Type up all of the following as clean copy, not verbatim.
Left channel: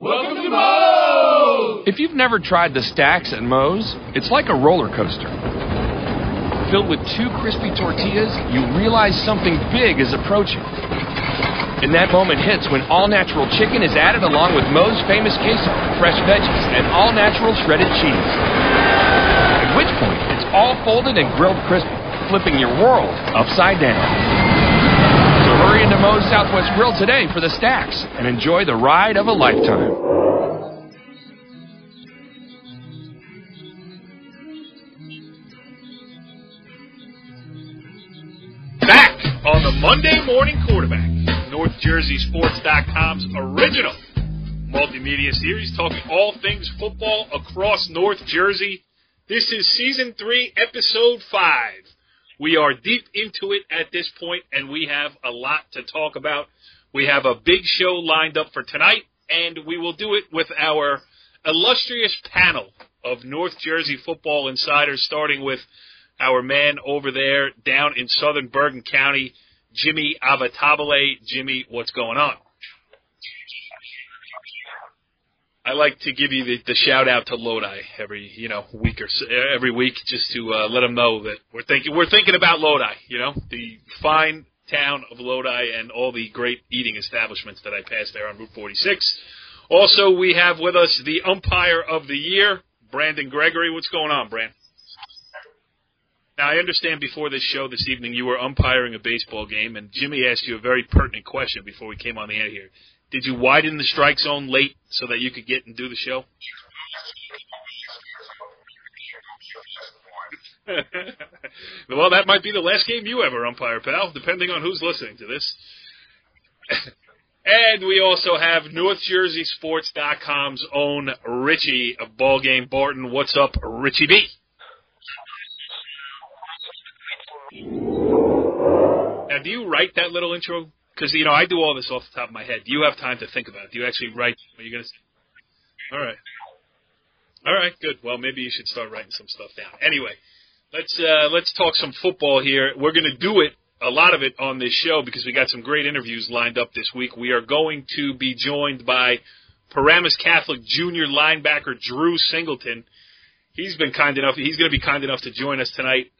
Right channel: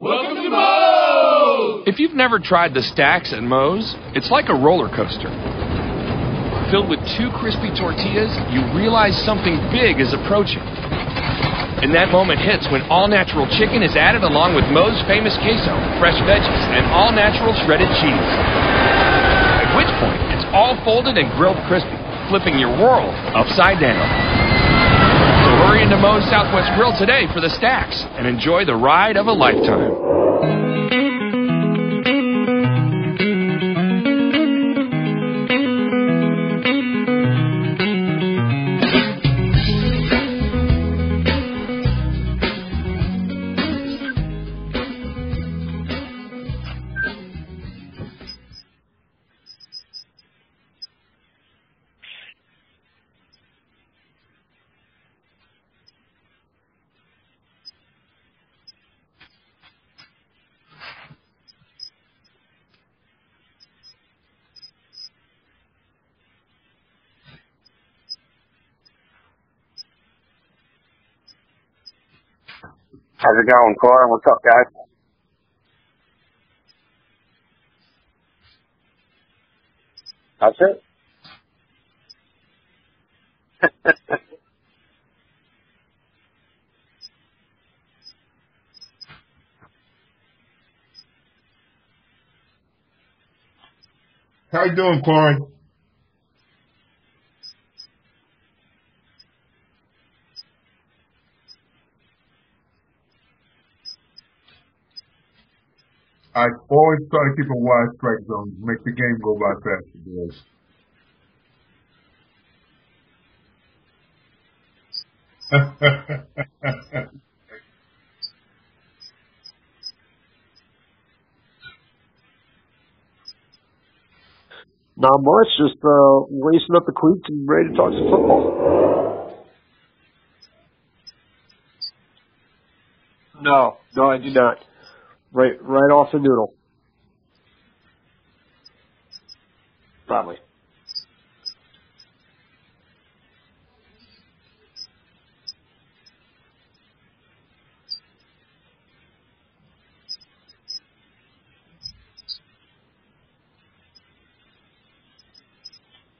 Welcome to Moe's! If you've never tried the stacks at Moe's, it's like a roller coaster. Filled with 2 crispy tortillas, you realize something big is approaching. And that moment hits when all-natural chicken is added along with Moe's famous queso, fresh veggies, and all-natural shredded cheese. At which point, it's all folded and grilled crispy, flipping your world upside down. So hurry into Moe's Southwest Grill today for the stacks and enjoy the ride of a lifetime. Back on the Monday Morning Quarterback, NorthJerseySports.com's original multimedia series talking all things football across North Jersey. This is Season 3, Episode 5. We are deep into it at this point, and we have a lot to talk about. We have a big show lined up for tonight, and we will do it with our illustrious panel of North Jersey football insiders, starting with our man over there down in southern Bergen County, Jimmy Avatabile. Jimmy, what's going on? How's it going, Corey? What's up, guys? I like to give you the shout out to Lodi every week or so, every week, just to let them know that we're thinking about Lodi. The fine town of Lodi and all the great eating establishments that I pass there on Route 46. Also, we have with us the umpire of the year, Brandon Gregory. What's going on, Brandon? How you doing, Corey? Now, I understand before this show this evening you were umpiring a baseball game, and Jimmy asked you a very pertinent question before we came on the air here. Did you widen the strike zone late so that you could get and do the show? I always try to keep a wide strike zone, make the game go by faster, boys. Well, that might be the last game you ever umpire, pal, depending on who's listening to this. And we also have NorthJerseySports.com's own Richie of Ballgame Barton. What's up, Richie B? Not much, just lacing up the cleats and ready to talk some football. Now, do you write that little intro? Because, I do all this off the top of my head. Do you have time to think no, about it? Do you actually write what you're going to say? Right off the noodle. All right, good. Well, maybe you should start writing some stuff down. Anyway, Probably. let's talk some football here. We're going to do it, a lot of it, on this show because we got some great interviews lined up this week. We are going to be joined by Paramus Catholic junior linebacker Drew Singleton. He's going to be kind enough to join us tonight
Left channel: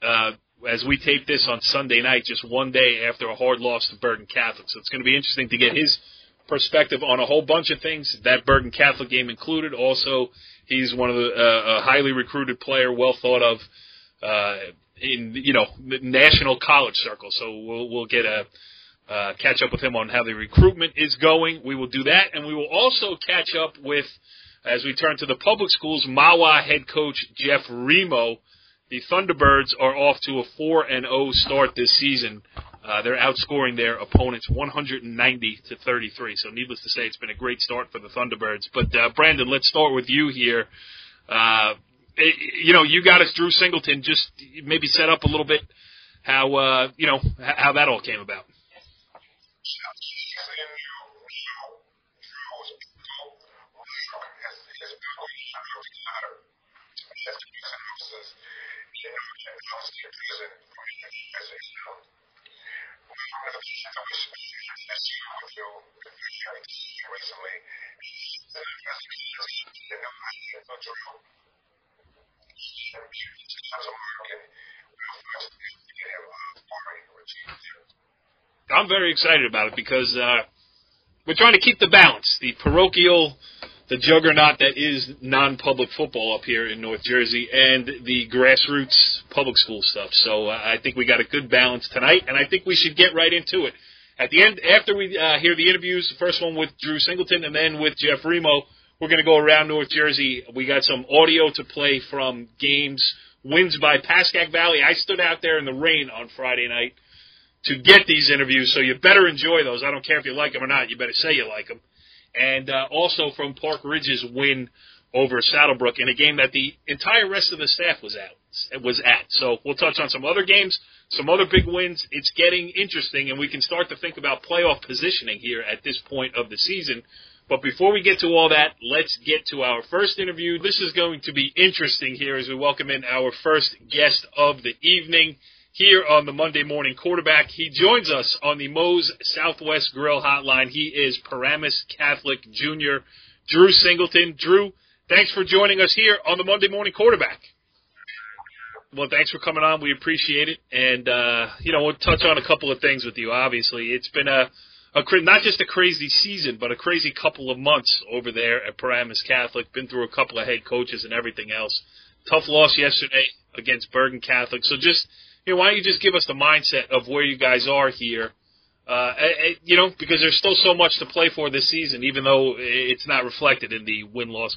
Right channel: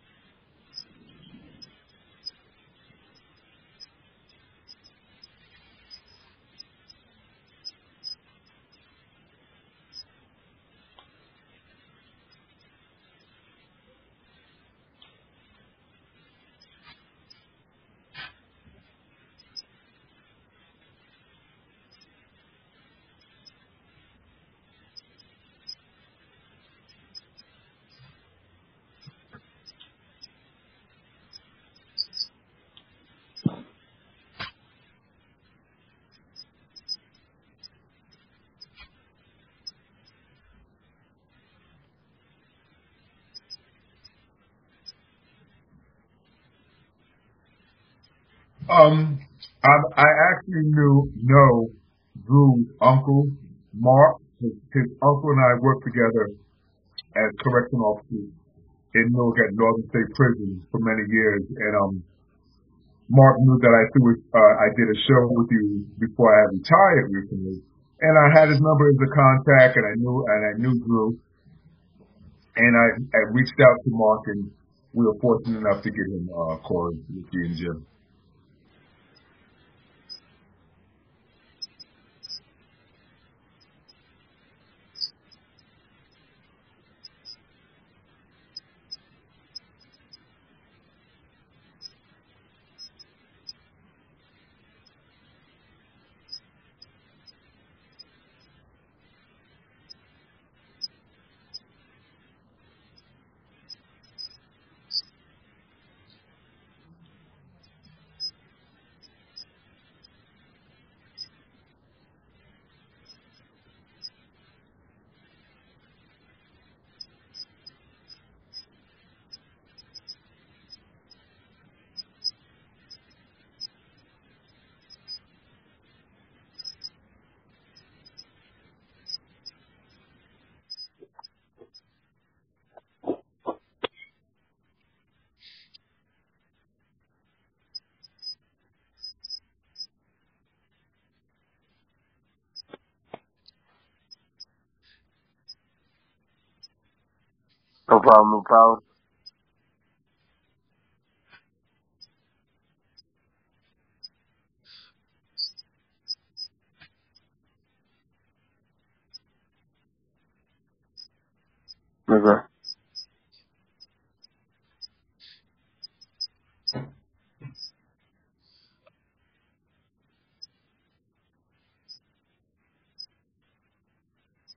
as we tape this on Sunday night, just one day after a hard loss to Bergen Catholic. So it's going to be interesting to get his perspective on a whole bunch of things, that Bergen Catholic game included. Also, he's one of the a highly recruited player, well thought of in the national college circle. So we'll get a catch up with him on how the recruitment is going. We will do that, and we will also catch up with, as we turn to the public schools, Mahwah head coach Jeff Remo. The Thunderbirds are off to a 4-0 start this season. They're outscoring their opponents 190-33. So needless to say, it's been a great start for the Thunderbirds. But, Brandon, let's start with you here. You got us Drew Singleton. Just maybe set up a little bit how that all came about. I actually know Drew's uncle, Mark. His uncle and I worked together as correction officers in Newark at Northern State Prison for many years, and Mark knew that I did a show with you before I retired recently, and I had his number as a contact, and I knew Drew, and I reached out to Mark, and we were fortunate enough to get him, Corey, Richie, and Jim. I'm very excited about it because we're trying to keep the balance, the parochial, the juggernaut that is non-public football up here in North Jersey, and the grassroots public school stuff. So I think we got a good balance tonight, and I think we should get right into it. At the end, after we hear the interviews, the first one with Drew Singleton and then with Jeff Remo, we're going to go around North Jersey. We got some audio to play from games, wins by Pascack Valley. I stood out there in the rain on Friday night to get these interviews, so you better enjoy those. I don't care if you like them or not. You better say you like them. And also from Park Ridge's win over Saddlebrook in a game that the entire rest of the staff was at. So we'll touch on some other games, some other big wins. It's getting interesting, and we can start to think about playoff positioning here at this point of the season. But before we get to all that, let's get to our first interview. This is going to be interesting here as we welcome in our first guest of the evening here on the Monday Morning Quarterback. He joins us on the Moe's Southwest Grill Hotline. He is Paramus Catholic Jr. Drew Singleton. Drew, thanks for joining us here on the Monday Morning Quarterback. No problem, no problem. Well, thanks for coming on. We appreciate it. And, we'll touch on a couple of things with you, obviously. It's been not just a crazy season, but a crazy couple of months over there at Paramus Catholic. Been through a couple of head coaches and everything else. Okay. Tough loss yesterday against Bergen Catholic. So just, why don't you just give us the mindset of where you guys are here? Because there's still so much to play for this season, even though it's not reflected in the win-loss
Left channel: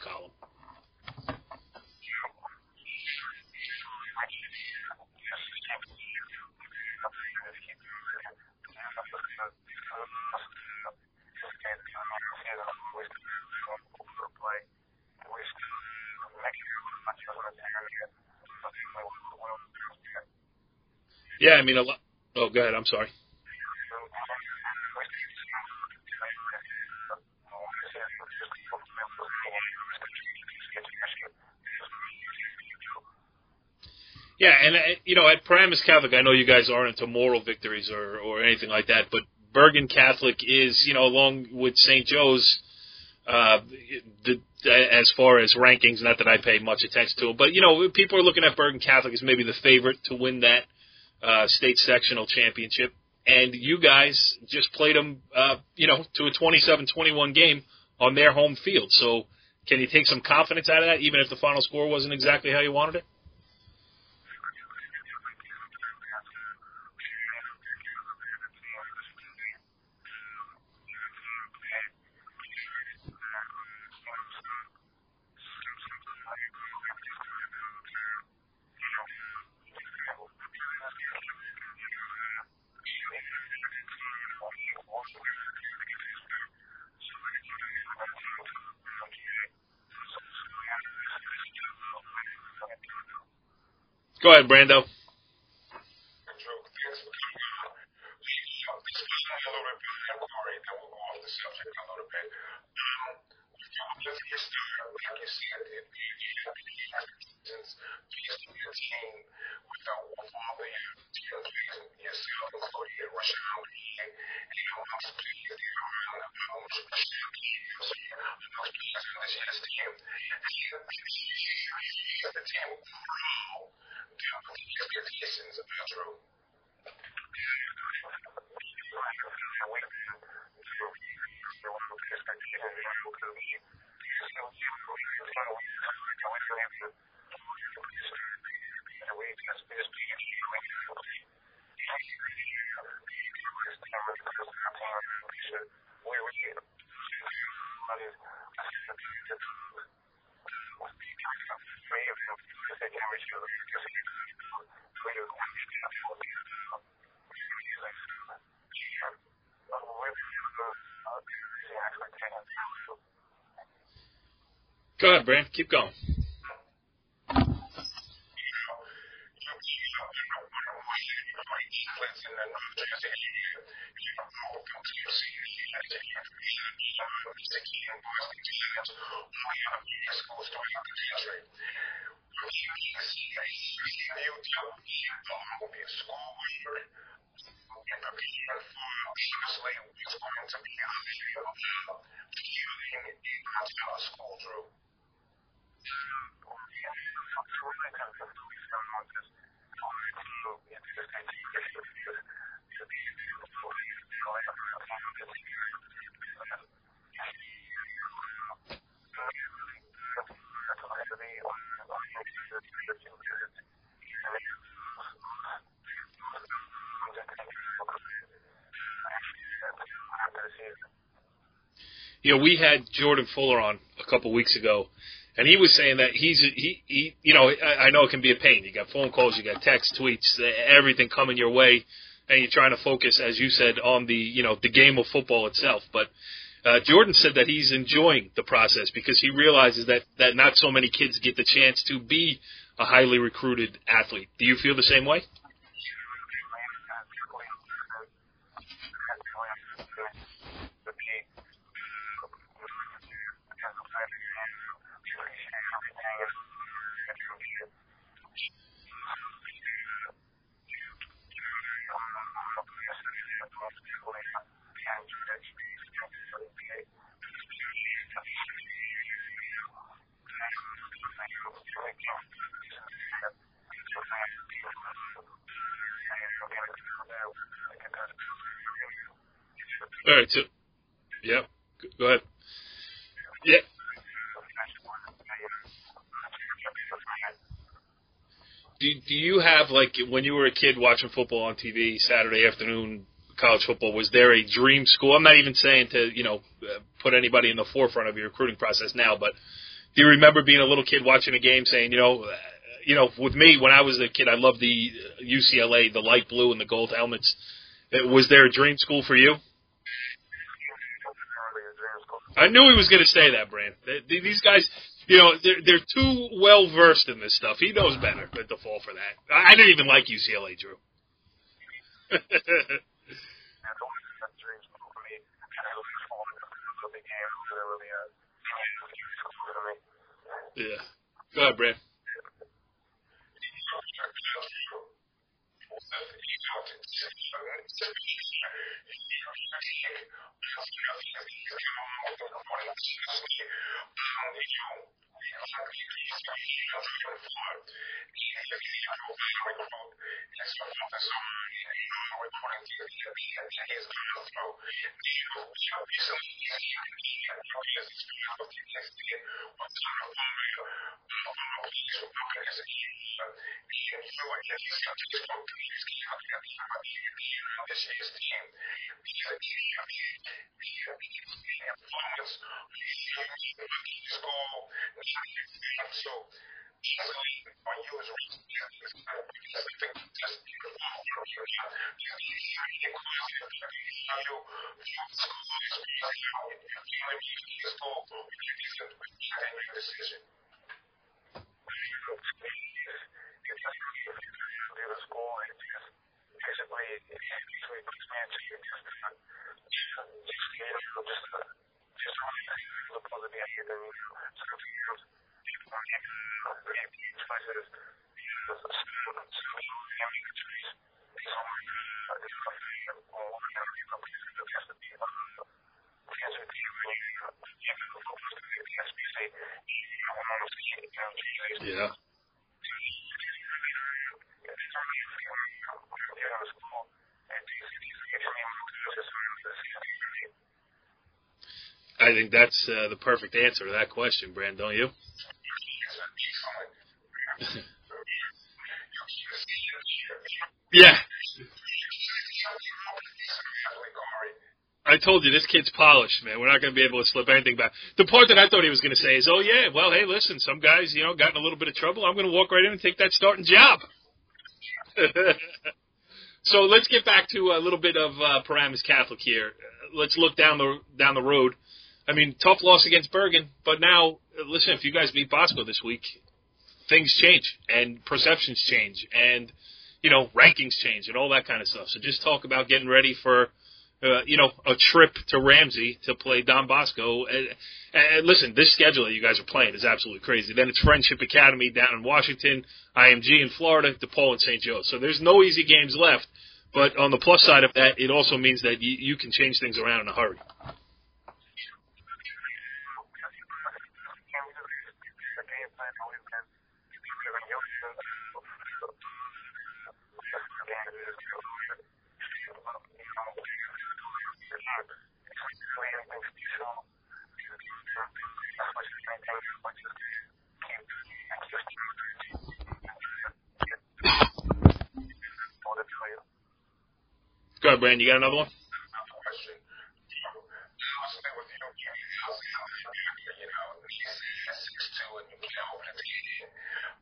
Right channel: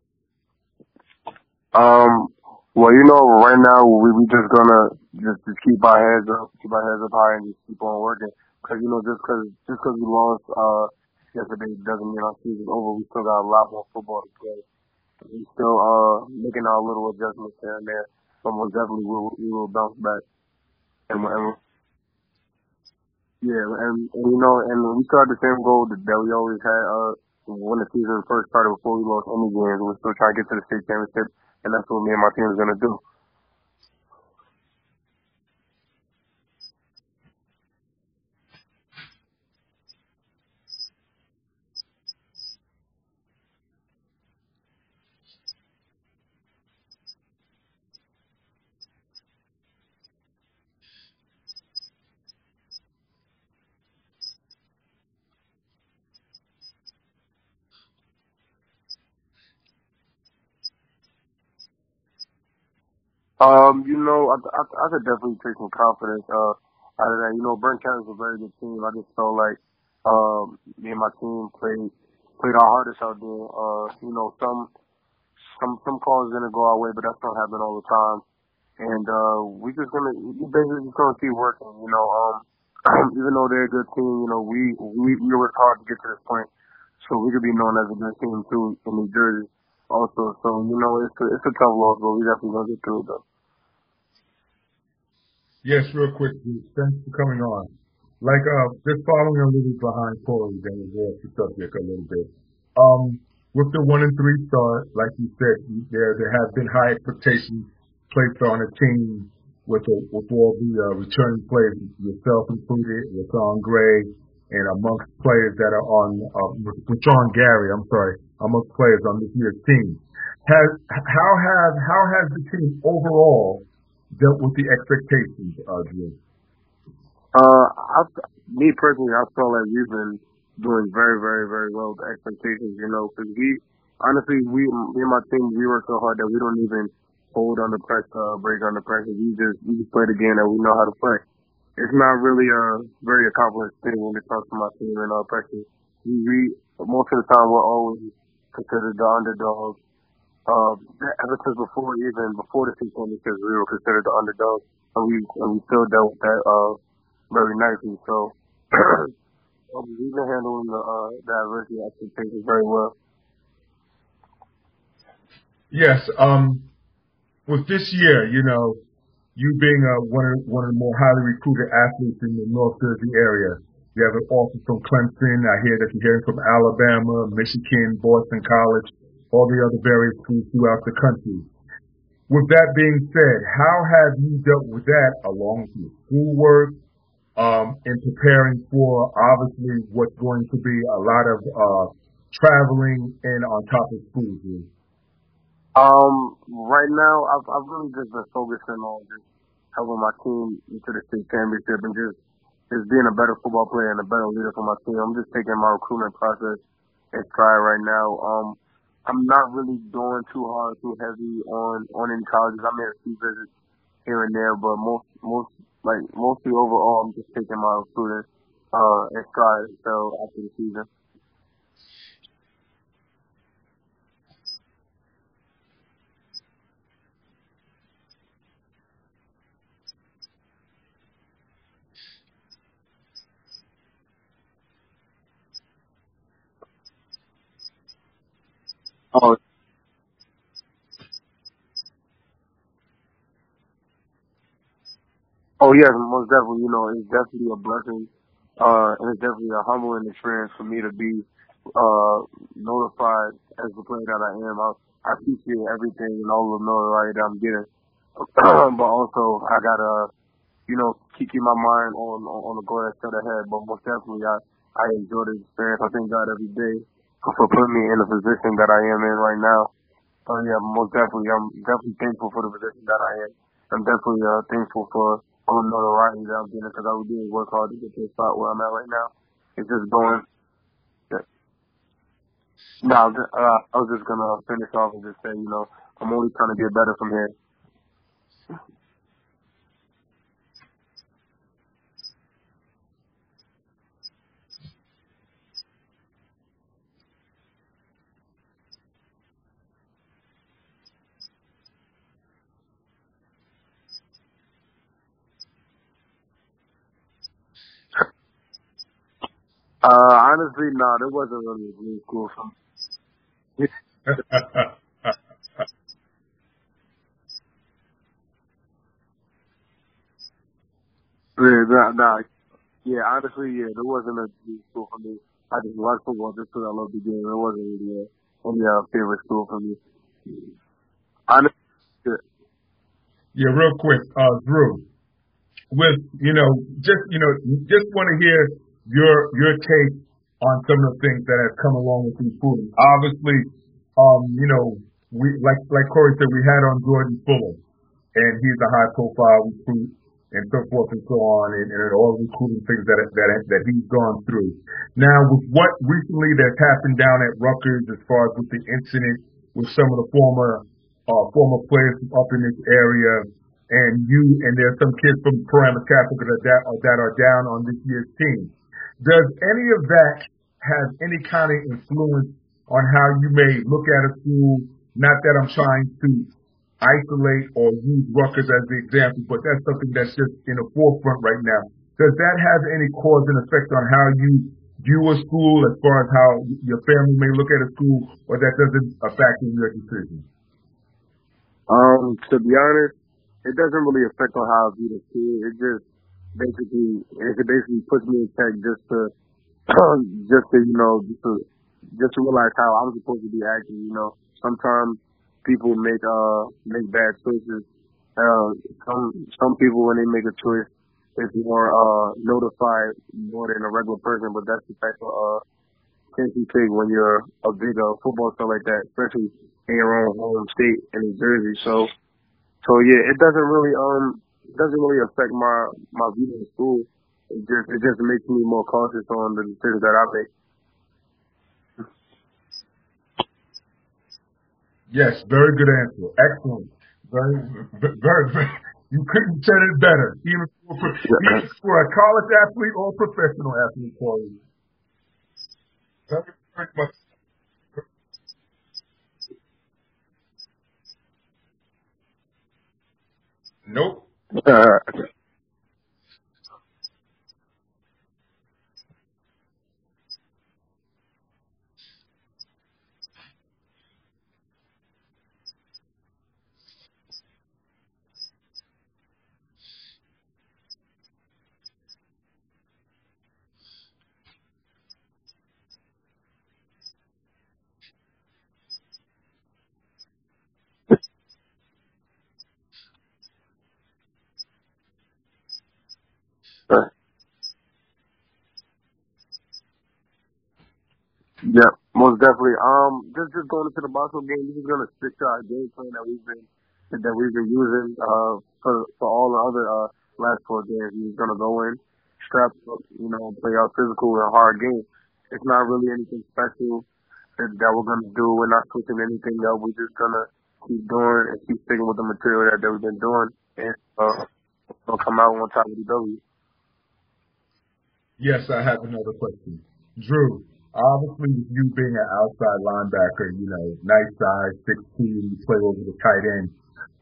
column. Well, right now we just gonna just keep our heads up high and just keep on working. Cause just cause we lost yesterday doesn't mean our season's over. We still got a lot more football to play. We still making our little adjustments here and there. But most definitely we will bounce back. A lot. Oh, go ahead. I'm sorry. Yeah, and we still had the same goal that we always had when the season first started before we lost any games. We're still trying to get to the state championship. And that's what me and my team is going to do. Yeah, and, at Paramus Catholic, I know you guys aren't into moral victories or anything like that, but Bergen Catholic is, along with St. Joe's, as far as rankings, not that I pay much attention to it, but, people are looking at Bergen Catholic as maybe the favorite to win that state sectional championship. And you guys just played them, to a 27-21 game on their home field. So, can you take some confidence out of that, even if the final score wasn't exactly how you wanted it? I could definitely take some confidence out of that. Bergen Catholic is a very good team. I just felt like me and my team played our hardest out there. Some calls didn't go our way, but that's gonna happen all the time. And we basically just gonna keep working. Even though they're a good team, we work hard to get to this point. So we could be known as a good team, too, in New Jersey also. So, it's a tough loss, but we definitely going to get through it, though. Go ahead, Brando. Yes, real quick, Drew. Thanks for coming on. Just following a little bit behind Corey, then we'll go off the subject a little bit. With the 1-3 start, like you said, there have been high expectations placed on a team with all the returning players, yourself included, Rashawn Gray, and amongst players that are on Rashawn Gary, amongst players on this year's team. How has the team overall dealt with the expectations, Drew? Me personally, I feel like we've been doing very, very, very well with the expectations, because me and my team, we work so hard that we don't even fold under pressure or break under pressure. We just play the game that we know how to play. It's not really a very accomplished thing when it comes to my team and pressure. We most of the time we're always considered the underdogs. Ever since before the state championships, we were considered the underdogs, and we still dealt with that very nicely. So we've been handling the adversity and expectations very well. Go ahead, Brand. Keep going. Yes. With this year, you being one of the more highly recruited athletes in the North Jersey area, you have an offer from Clemson. I hear that you're hearing from Alabama, Michigan, Boston College, all the other various schools throughout the country. With that being said, how have you dealt with that along with your schoolwork in preparing for obviously what's going to be a lot of traveling and on top of school, Drew? Right now, I've really just been focusing on just helping my team get to the state championship and just being a better football player and a better leader for my team. I'm just taking my recruitment process in stride right now. I'm not really going too hard, too heavy on any colleges. I made a few visits here and there, but mostly overall, I'm just taking my recruiting in stride until after the season. We had Jordan Fuller on a couple weeks ago, and he was saying that he I know it can be a pain. You got phone calls, you got text, tweets, everything coming your way, and you're trying to focus, as you said, on the game of football itself. But Jordan said that he's enjoying the process because he realizes that not so many kids get the chance to be a highly recruited athlete. Do you feel the same way? Oh, yes, most definitely. It's definitely a blessing, and it's definitely a humbling experience for me to be notified as the player that I am. I appreciate everything and all the notoriety that I'm getting. But also, I got to, keep my mind on the goal that's set ahead. But most definitely, I enjoy the experience. I thank God every day for putting me in the position that I am in right now. So yeah, most definitely, I'm definitely thankful for the position that I am. I'm definitely thankful for all the notoriety that I'm getting because I did work hard to get to the spot where I'm at right now. It's just going. All right, so, yeah. Go ahead. No, I was just gonna finish off and just say, I'm only trying to get better from here. Do you have, like, when you were a kid watching football on TV, Saturday afternoon, college football, was there a dream school? I'm not even saying to, put anybody in the forefront of your recruiting process now, but do you remember being a little kid watching a game saying, with me, when I was a kid, I loved the UCLA, the light blue and the gold helmets. Was there a dream school for you? Honestly, no, there wasn't really a dream school. I knew he was going to say that, Brand. These guys, they're too well versed in this stuff. He knows better than to fall for that. I didn't even like UCLA, Drew. Yeah, honestly, there wasn't a dream school for me. I just watched football just because I loved the game. It wasn't really any favorite school for me. Yeah. Brand. Yeah, real quick, Drew. With just want to hear your take on some of the things that has come along with recruiting. Obviously, we like Corey said, we had on Jordan Fuller, and he's a high profile recruit and so forth and so on, and all the recruiting things that he's gone through. Now, with what recently that's happened down at Rutgers, as far as with the incident with some of the former players from up in this area. And there's some kids from Paramus Catholic that are down on this year's team. Does any of that have any kind of influence on how you may look at a school? Not that I'm trying to isolate or use Rutgers as the example, but that's something that's just in the forefront right now. Does that have any cause and effect on how you view a school as far as how your family may look at a school, or that doesn't factor in your decision? To be honest, it doesn't really affect on how I view the school. It just basically puts me in check just to realize how I'm supposed to be acting. Sometimes people make bad choices. Some people, when they make a choice, it's more notified more than a regular person. But that's the type of chance you take when you're a big football star like that, especially in your own home state in New Jersey. So yeah, it doesn't really affect my view on the school. It just makes me more cautious on the decisions that I make. I think that's the perfect answer to that question, Brand, don't you? Yes, very good answer. Excellent. Very, very. You couldn't have said it better, even for a college athlete or a professional athlete, Corey. I told you, this kid's polished, man. We're not going to be able to slip anything back. The part that I thought he was going to say is, oh, yeah, well, hey, listen, some guys, got in a little bit of trouble. I'm going to walk right in and take that starting job. Nope. So let's get back to a little bit of Paramus Catholic here. Let's look down the road. I mean, tough loss against Bergen, but now, listen, if you guys beat Bosco this week, things change and perceptions change and, rankings change and all that kind of stuff. So just talk about getting ready for a trip to Ramsey to play Don Bosco. And listen, this schedule that you guys are playing is absolutely crazy. Then it's Friendship Academy down in Washington, IMG in Florida, DePaul and St. Joe. So there's no easy games left. But on the plus side of that, it also means that you can change things around in a hurry. Yeah, most definitely. Just going into the Bosco game, we're just gonna stick to our game plan that we've been using for all the other last 4 games. We're just gonna go in, strap up, play our physical and hard game. It's not really anything special that we're going to do. We're not switching anything up. We're just going to keep doing and keep sticking with the material that we've been doing, and we'll come out on top with a W. Go ahead, Brandon. You got another one? Yes, I have another question. Drew, obviously with you being an outside linebacker, nice size, 6'2", and you play over the tight end,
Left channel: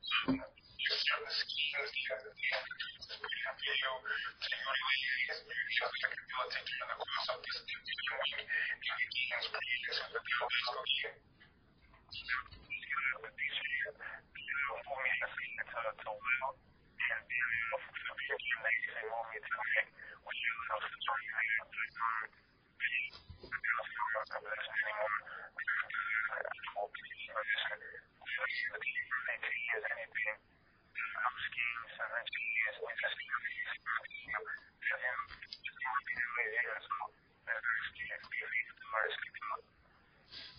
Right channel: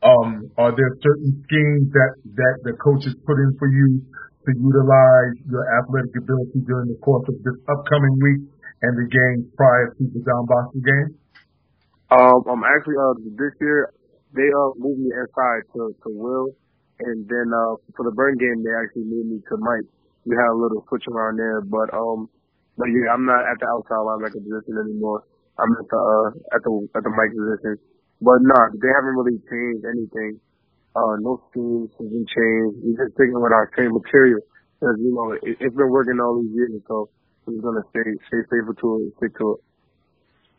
are there certain schemes that the coaches put in for you to utilize your athletic ability during the course of this upcoming week and the games prior to the Don Bosco game? I'm actually this year they moved me inside to Will, and then for the Bergen game they actually moved me to Mike. We had a little switch around there, but yeah, I'm not at the outside linebacker position anymore. I'm at the Mike position. But no, they haven't really changed anything. No schemes have been changed. We're just sticking with our same material because, it's been working all these years. So we're just going to stay faithful to it and stick to it.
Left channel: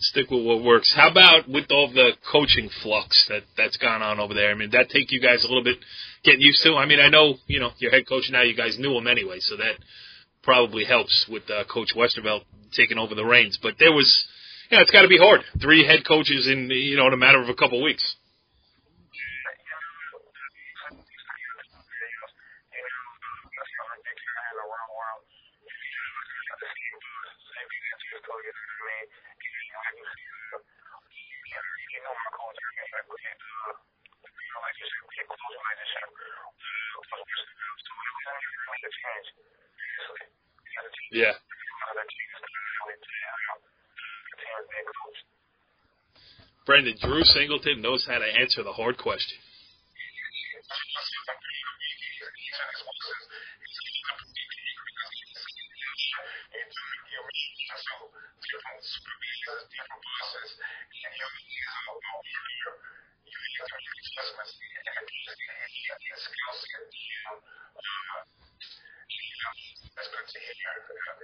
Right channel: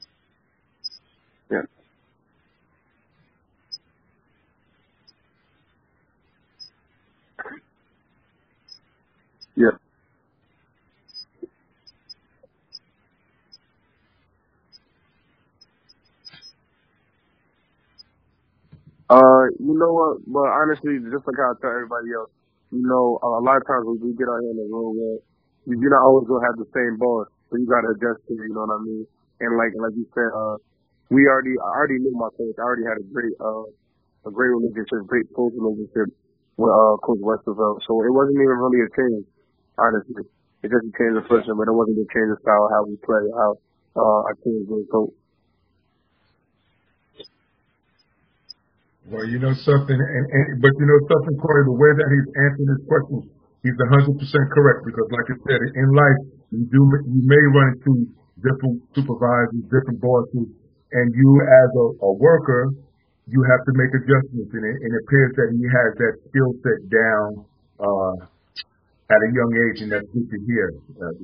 Stick with what works. How about with all the coaching flux that's gone on over there? I mean, that take you guys a little bit getting used to? I mean, I know, your head coach now, you guys knew him anyway, so that probably helps with Coach Westervelt taking over the reins. But there was, it's got to be hard. 3 head coaches in, in a matter of a couple of weeks. You know what? But honestly, just like I tell everybody else, a lot of times when we get out here in the real world, you're not always going to have the same boss. So you got to adjust to it, you know what I mean? And like you said, I already knew my coach. I already had a great relationship, great close relationship with Coach Westervelt. So it wasn't even really a change, honestly. It's just a change of person, but it wasn't a change of style, how we play, how our team is being coached. Brendan, Drew Singleton knows how to answer the hard questions. Well, you know something, but you know something, Corey, the way that he's answering his questions, he's 100% correct, because like I said, in life, you may run into different supervisors, different bosses, and you as a worker, you have to make adjustments, and it appears that he has that skill set down at a young age, and that's good to hear.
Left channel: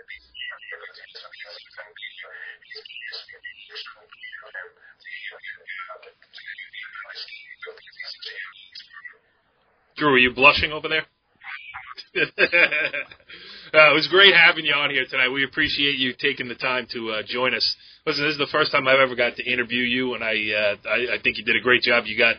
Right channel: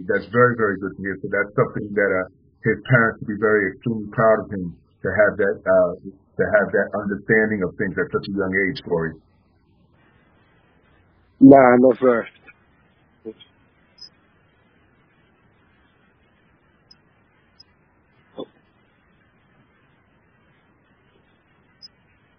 That's very, very good to hear. So that's something that his parents should be very extremely proud of him, to have that understanding of things at such a young age, Corey. Drew, are you blushing over there? Nah, no sir. It was great having you on here tonight. We appreciate you taking the time to join us. Listen, this is the first time I've ever got to interview you, and I think you did a great job. You got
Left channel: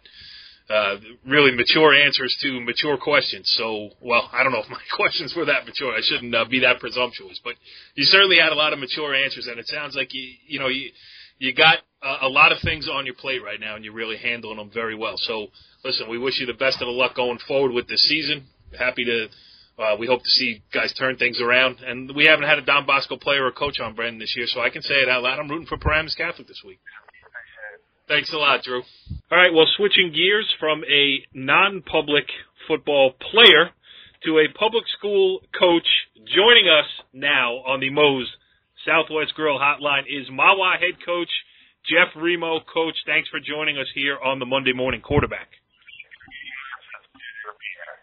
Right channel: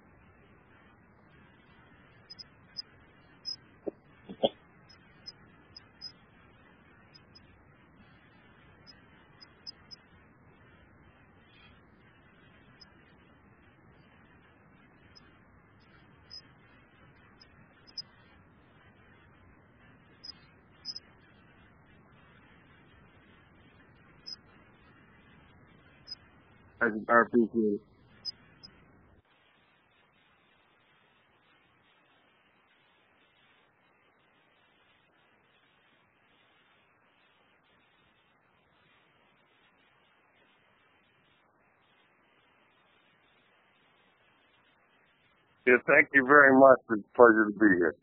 really mature answers to mature questions. So, well, I don't know if my questions were that mature. I shouldn't be that presumptuous, but you certainly had a lot of mature answers, and it sounds like you got a lot of things on your plate right now, and you're really handling them very well. So, listen, we wish you the best of the luck going forward with this season. Happy to, we hope to see guys turn things around. And we haven't had a Don Bosco player or coach on Brendan this year, so I can say it out loud. I'm rooting for Paramus Catholic this week. I appreciate it. Thanks a lot, Drew. All right, well, switching gears from a non-public football player to a public school coach, joining us now on the Moe's Southwest Grill Hotline is Mahwah head coach Jeff Remo. Coach, thanks for joining us here on the Monday Morning Quarterback. Yeah, thank you very much. It's a pleasure to be here.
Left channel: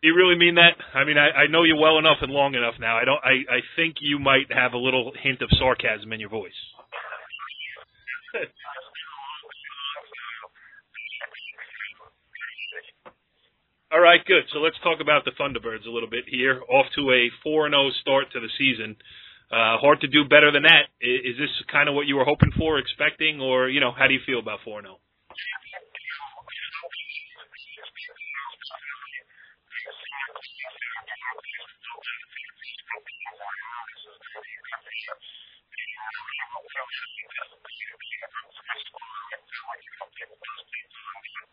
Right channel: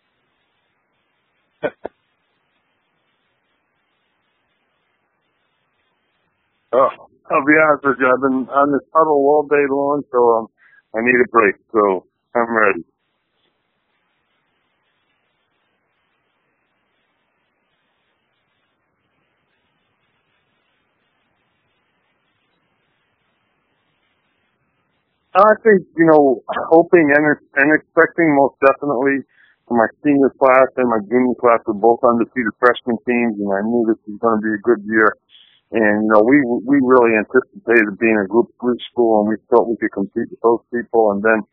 Do you really mean that? I mean, I know you well enough and long enough now. I think you might have a little hint of sarcasm in your voice. Oh, I'll be honest with you. I've been on this huddle all day long, so I need a break. So I'm ready. All right, good. So let's talk about the Thunderbirds a little bit here. Off to a 4-0 start to the season. Hard to do better than that. Is this kind of what you were hoping for, expecting, or, how do you feel about 4-0? I think, hoping and expecting, most definitely. My senior class and my junior class were both undefeated freshman teams, and I knew this was going to be a good year. And, we really anticipated being a Group 3 school, and we thought we could compete with those people. And then,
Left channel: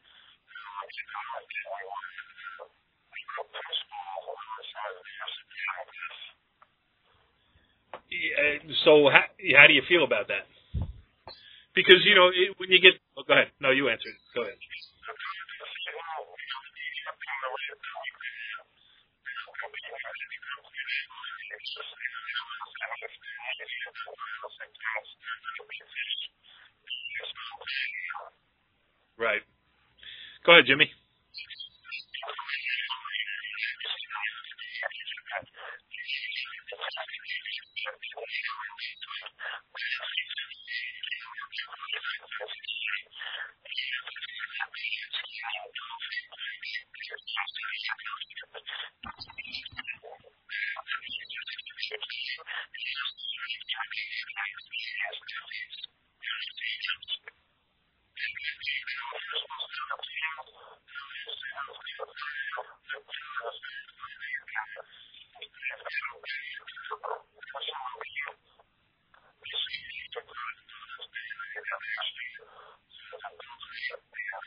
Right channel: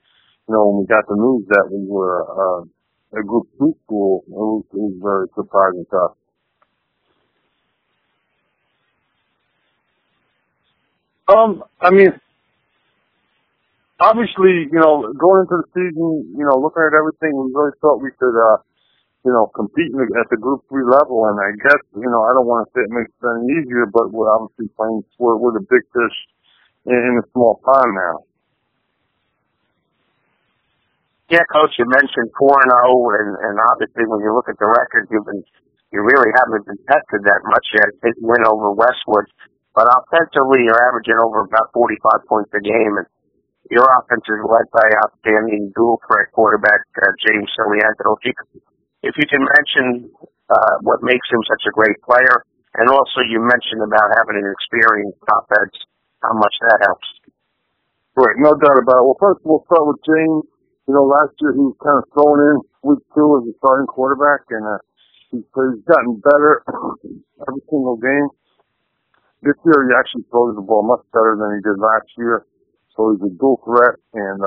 when we got the news that we were a Group 2 school, it was very surprising to us. So how do you feel about that? Because, when you get – go ahead. No, you answer. Obviously, going into the season, looking at everything, we really thought we could, compete at the Group 3 level. And I guess, I don't want to say it makes it any easier, but we're obviously playing – we're the big fish in a small pond now. Right. Go ahead, Jimmy. Yeah, Coach, you mentioned 4-0, and obviously when you look at the records, you really haven't been tested that much yet. Big win over Westwood. But offensively, you're averaging over about 45 points a game, and your offense is led by outstanding dual-threat quarterback James Silianto. If you can mention what makes him such a great player, and also you mentioned about having an experienced offense, how much that helps. Right, no doubt about it. Well, first we'll start with James. Last year he was kind of thrown in week 2 as a starting quarterback, and he's gotten better every single game. This year he actually throws the ball much better than he did last year. So he's a dual threat, and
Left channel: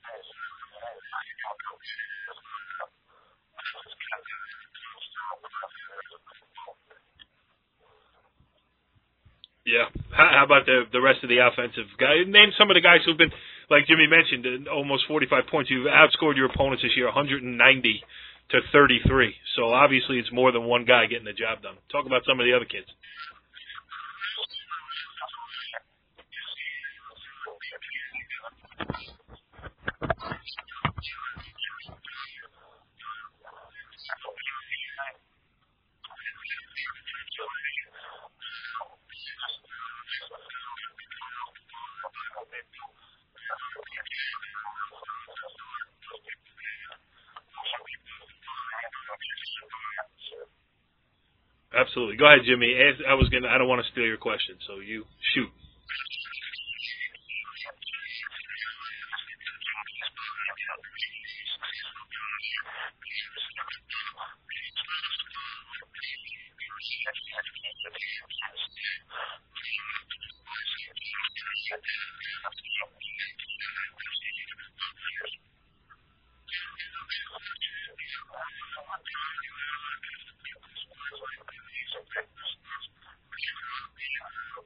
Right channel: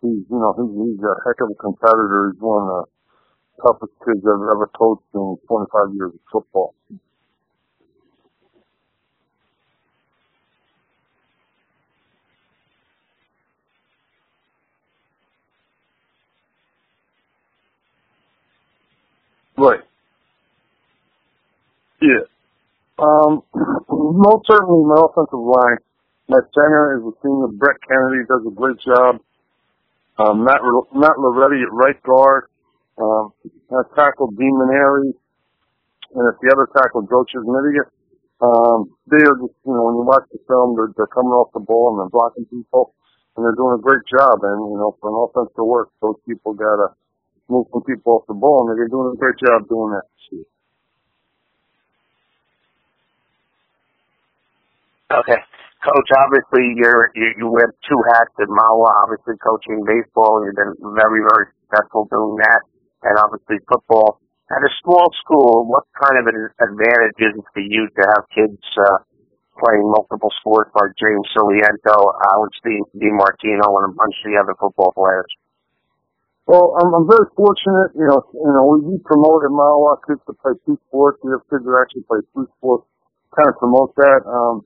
he's a heck of a competitor. He's one of the toughest kids I've ever coached in 25 years of football. Yeah. How about the rest of the offensive guys? Name some of the guys who've been, like Jimmy mentioned, almost 45 points. You've outscored your opponents this year 190 to 33. So right. Obviously it's more than one guy getting the job done. Talk about some of the other kids. Most certainly my offensive line. My center is a senior, Brett Kennedy, does a great job. Matt Loretti at right guard. I tackled Dean Maneri, and at the other tackle, Joe Chismidia. They are just, when you watch the film, they're coming off the ball and they're blocking people, and they're doing a great job. And, for an offense to work, those people got to move some people off the ball, and they've been doing a great job doing that this year. Absolutely. Go ahead, Jimmy. I don't want to steal your question, so you. Okay. Shoot. Coach, obviously you wear two hats at Mahwah, obviously coaching baseball, and you've been very, very successful doing that, and obviously football. At a small school, what kind of an advantage is it for you to have kids playing multiple sports like James Siliento, Alex DiMartino, and a bunch of the other football players? Well, I'm very fortunate. We promote at Mahwah kids to play two sports. We have kids that actually play three sports. Kind of promote that.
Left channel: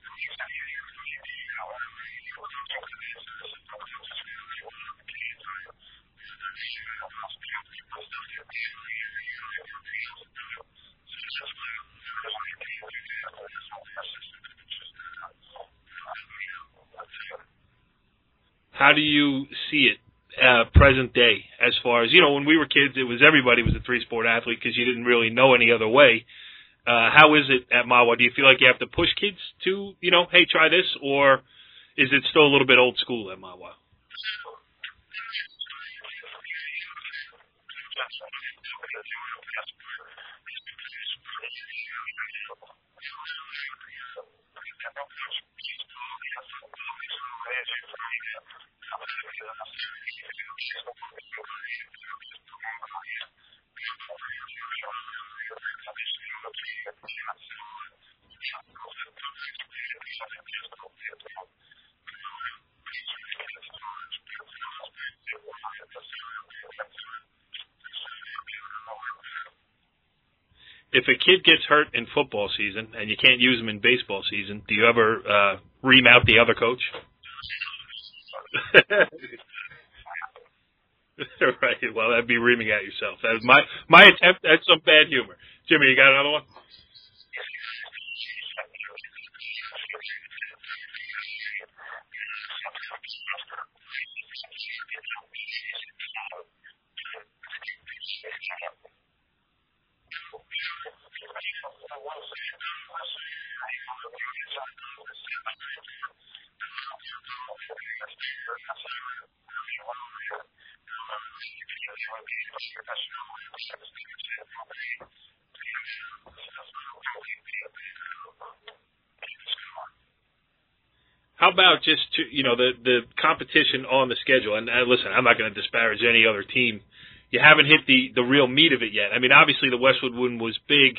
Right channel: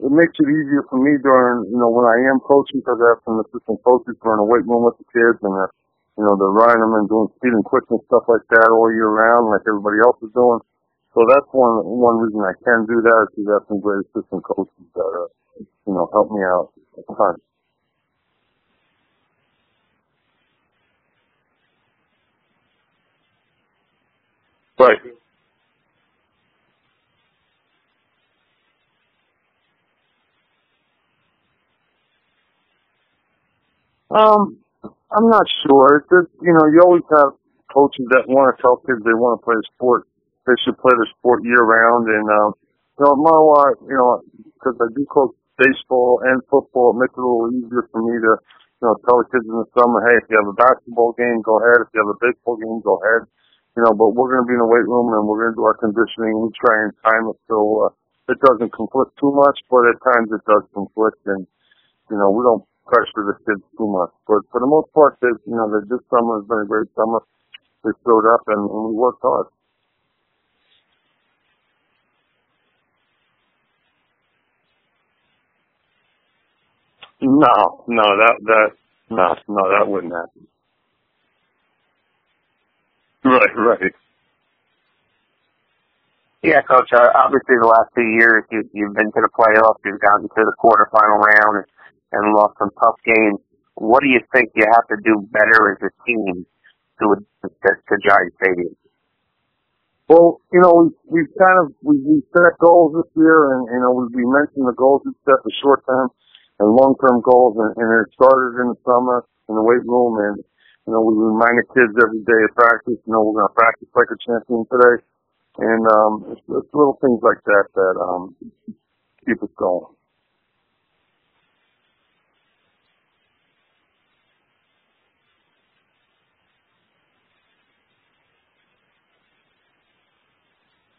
It makes it easier for me during, when I am coaching, because I have some assistant coaches who are in the weight room with the kids, and they're running them and doing speed and quickness stuff like that all year round, like everybody else is doing. So that's one reason I can do that, is because I have some great assistant coaches that are, help me out a ton. How do you see it? Present day, as far as when we were kids, everybody was a three-sport athlete because you didn't really know any other way. How is it at Mahwah? Do you feel like you have to push kids to, hey, try this, or is it still a little bit old school at Mahwah? I'm not sure. It's just, you always have coaches that want to tell kids they want to play a sport. They should play the sport year round. And, at Mahwah, because I do coach baseball and football, it makes it a little easier for me to tell the kids in the summer, hey, if you have a basketball game, go ahead. If you have a baseball game, go ahead. But we're going to be in the weight room and we're going to do our conditioning. We try and time it so it doesn't conflict too much, but at times it does conflict, and we don't pressure the kids too much. But for the most part, this summer has been a great summer. They showed up and we worked hard. If a kid gets hurt in football season and you can't use them in baseball season, do you ever ream out the other coach? No, that wouldn't happen. Right. Well, that'd be reaming at yourself. Right. My attempt at some bad humor. Jimmy, you got another one? Yeah, Coach. Obviously, the last 2 years, you've been to the playoffs. You've gotten to the quarterfinal round and lost some tough games. What do you think you have to do better as a team to advance to Giant Stadium? Well, we've set goals this year, and we mentioned the goals we set, the short term and long term goals, and it started in the summer in the weight room, and we remind the kids every day of practice. We're going to practice like a champion today, and it's little things like that keep us going. How about just the competition on the schedule? And listen, I'm not going to disparage any other team. You haven't hit the real meat of it yet. I mean, obviously the Westwood one was big,